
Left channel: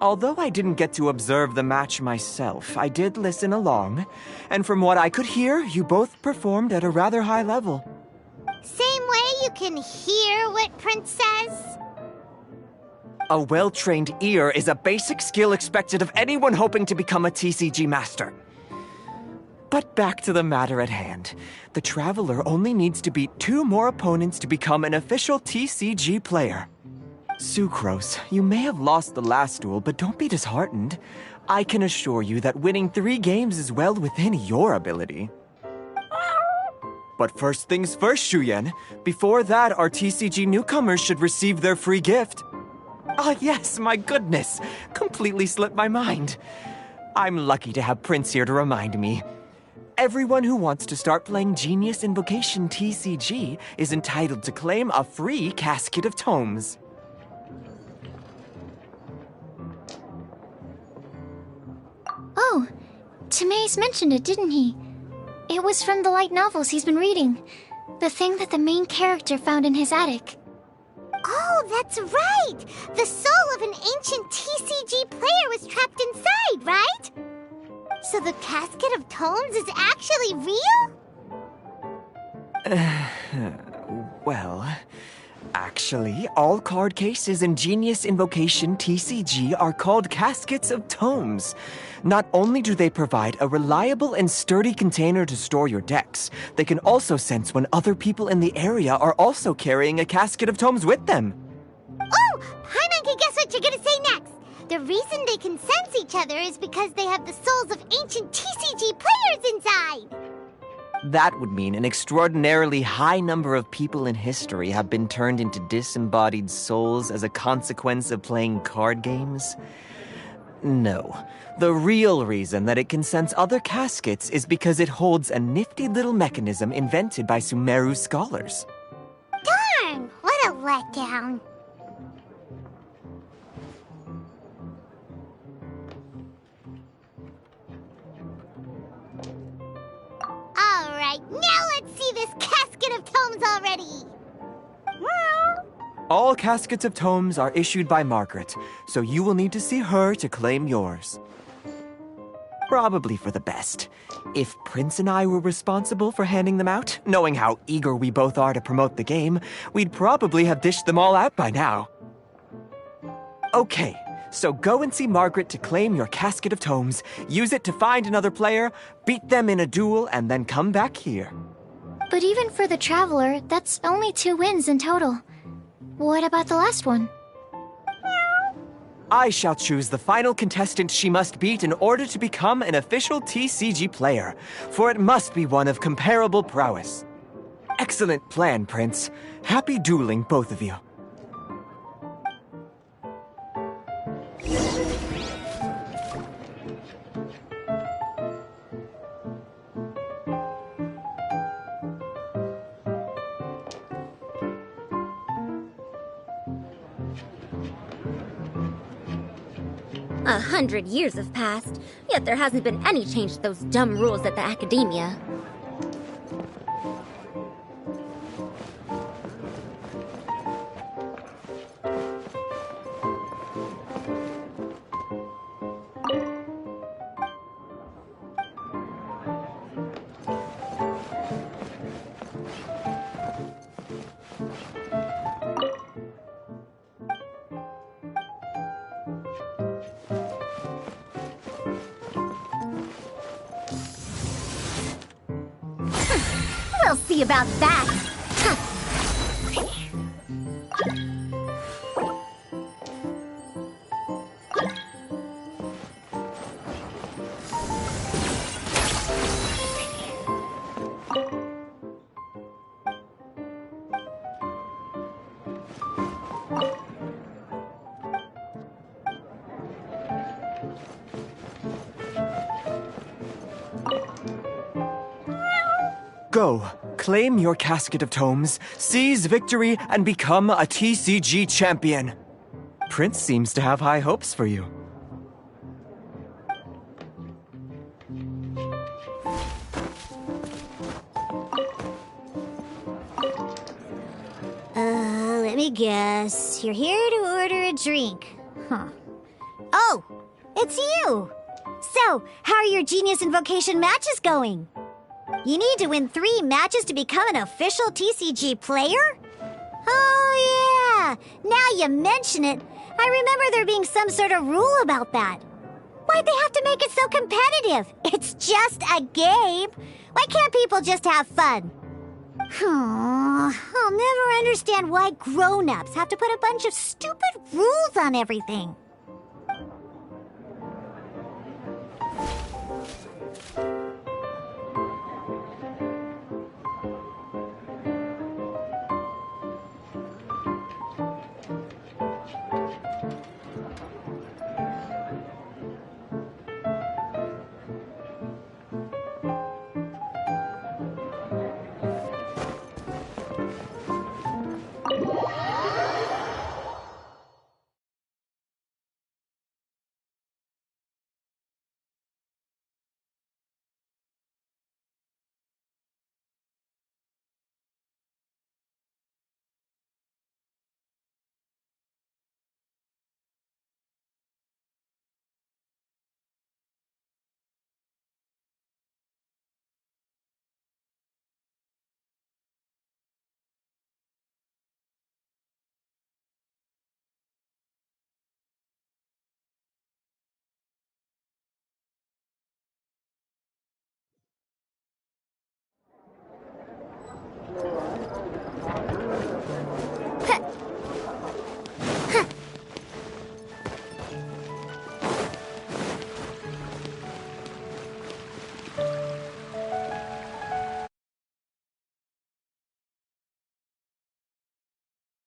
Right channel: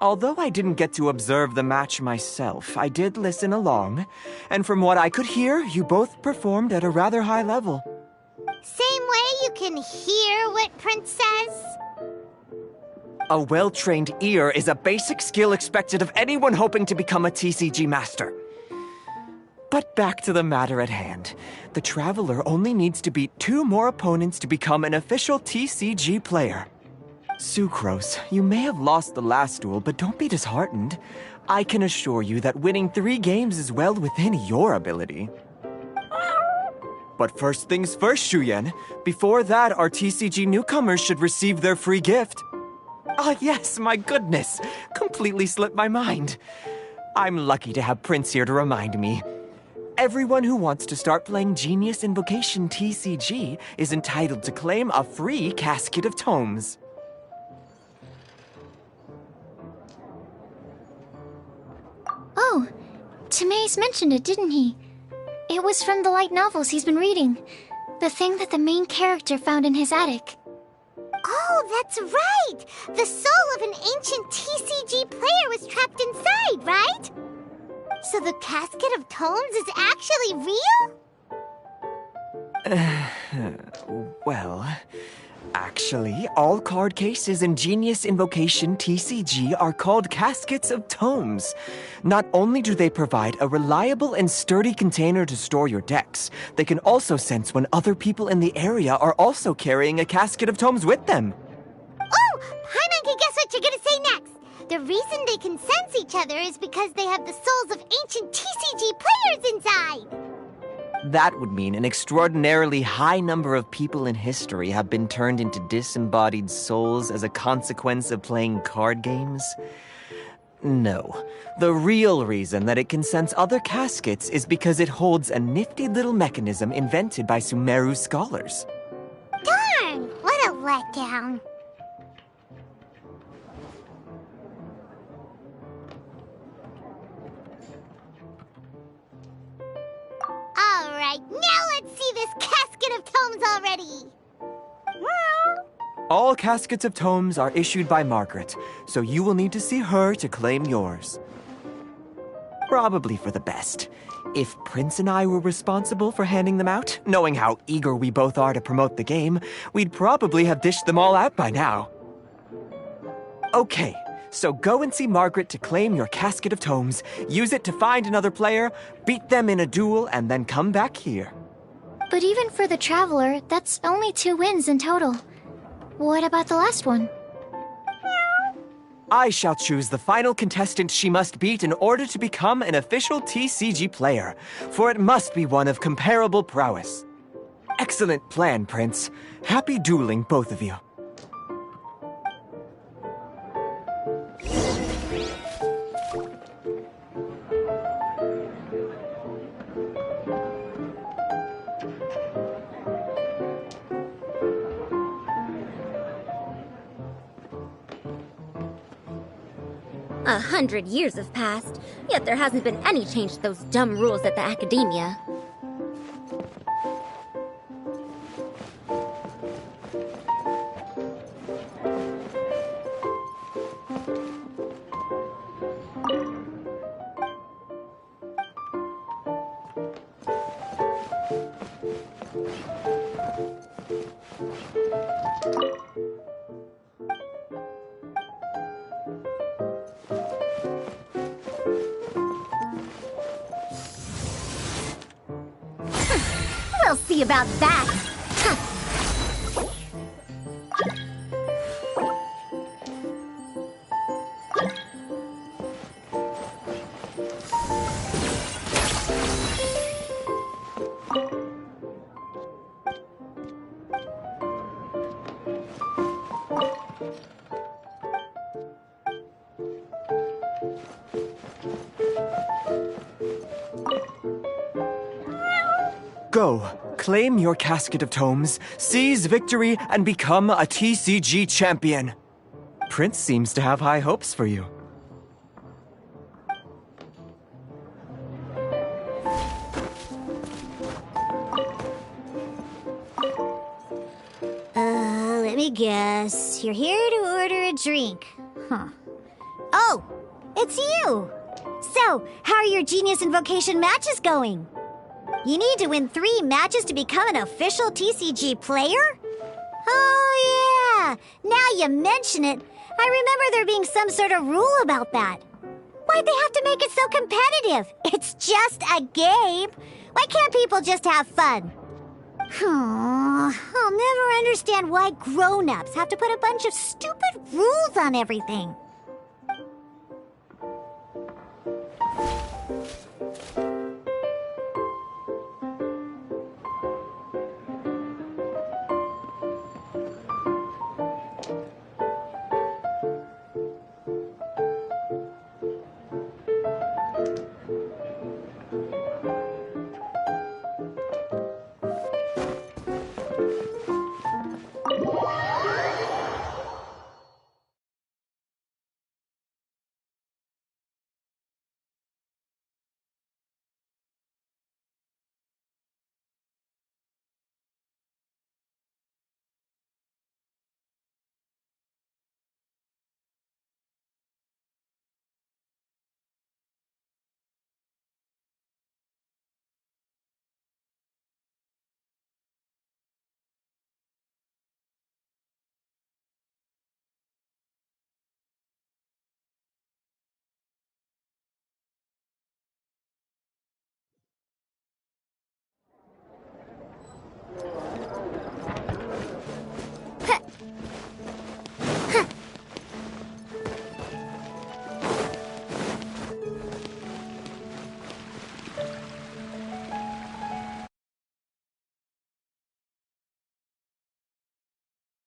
Although I didn't get to observe the match myself, I did listen along, and from what I could hear, you both performed at a rather high level. Same way you can hear what Prince says? A well-trained ear is a basic skill expected of anyone hoping to become a TCG master. But back to the matter at hand. The Traveler only needs to beat 2 more opponents to become an official TCG player. Sucrose, you may have lost the last duel, but don't be disheartened. I can assure you that winning 3 games is well within your ability. But first things first, Shuyen. Before that, our TCG newcomers should receive their free gift. Ah, yes, my goodness. Completely slipped my mind. I'm lucky to have Prince here to remind me. Everyone who wants to start playing Genius Invocation TCG is entitled to claim a free casket of tomes. Oh, Timaeus mentioned it, didn't he? It was from the light novels he's been reading. The thing that the main character found in his attic. Oh, that's right! The soul of an ancient TCG player was trapped inside, right? So the casket of tomes is actually real? Well, Actually, all card cases in Genius Invocation TCG are called Caskets of Tomes. Not only do they provide a reliable and sturdy container to store your decks, they can also sense when other people in the area are also carrying a Casket of Tomes with them. Oh, Paimon can guess what you're gonna say next. The reason they can sense each other is because they have the souls of ancient TCG players inside. That would mean an extraordinarily high number of people in history have been turned into disembodied souls as a consequence of playing card games? No. The real reason that it can sense other caskets is because it holds a nifty little mechanism invented by Sumeru scholars. Darn, what a letdown. Alright, now let's see this Casket of Tomes already. All Caskets of Tomes are issued by Margaret, so you will need to see her to claim yours. Probably for the best. If Prince and I were responsible for handing them out, knowing how eager we both are to promote the game, we'd probably have dished them all out by now. Okay, so go and see Margaret to claim your Casket of Tomes, use it to find another player, beat them in a duel, and then come back here. But even for the Traveler, that's only 2 wins in total. What about the last one? I shall choose the final contestant she must beat in order to become an official TCG player, for it must be one of comparable prowess. Excellent plan, Prince. Happy dueling, both of you. A 100 years have passed, yet there hasn't been any change to those dumb rules at the academia. We'll see about that! Go, claim your Casket of Tomes, seize victory, and become a TCG champion. Prince seems to have high hopes for you. Let me guess. You're here to order a drink. Huh. Oh, it's you! So, how are your Genius Invocation matches going? You need to win 3 matches to become an official TCG player? Oh, yeah! Now you mention it, I remember there being some sort of rule about that. Why'd they have to make it so competitive? It's just a game. Why can't people just have fun? I'll never understand why grown-ups have to put a bunch of stupid rules on everything.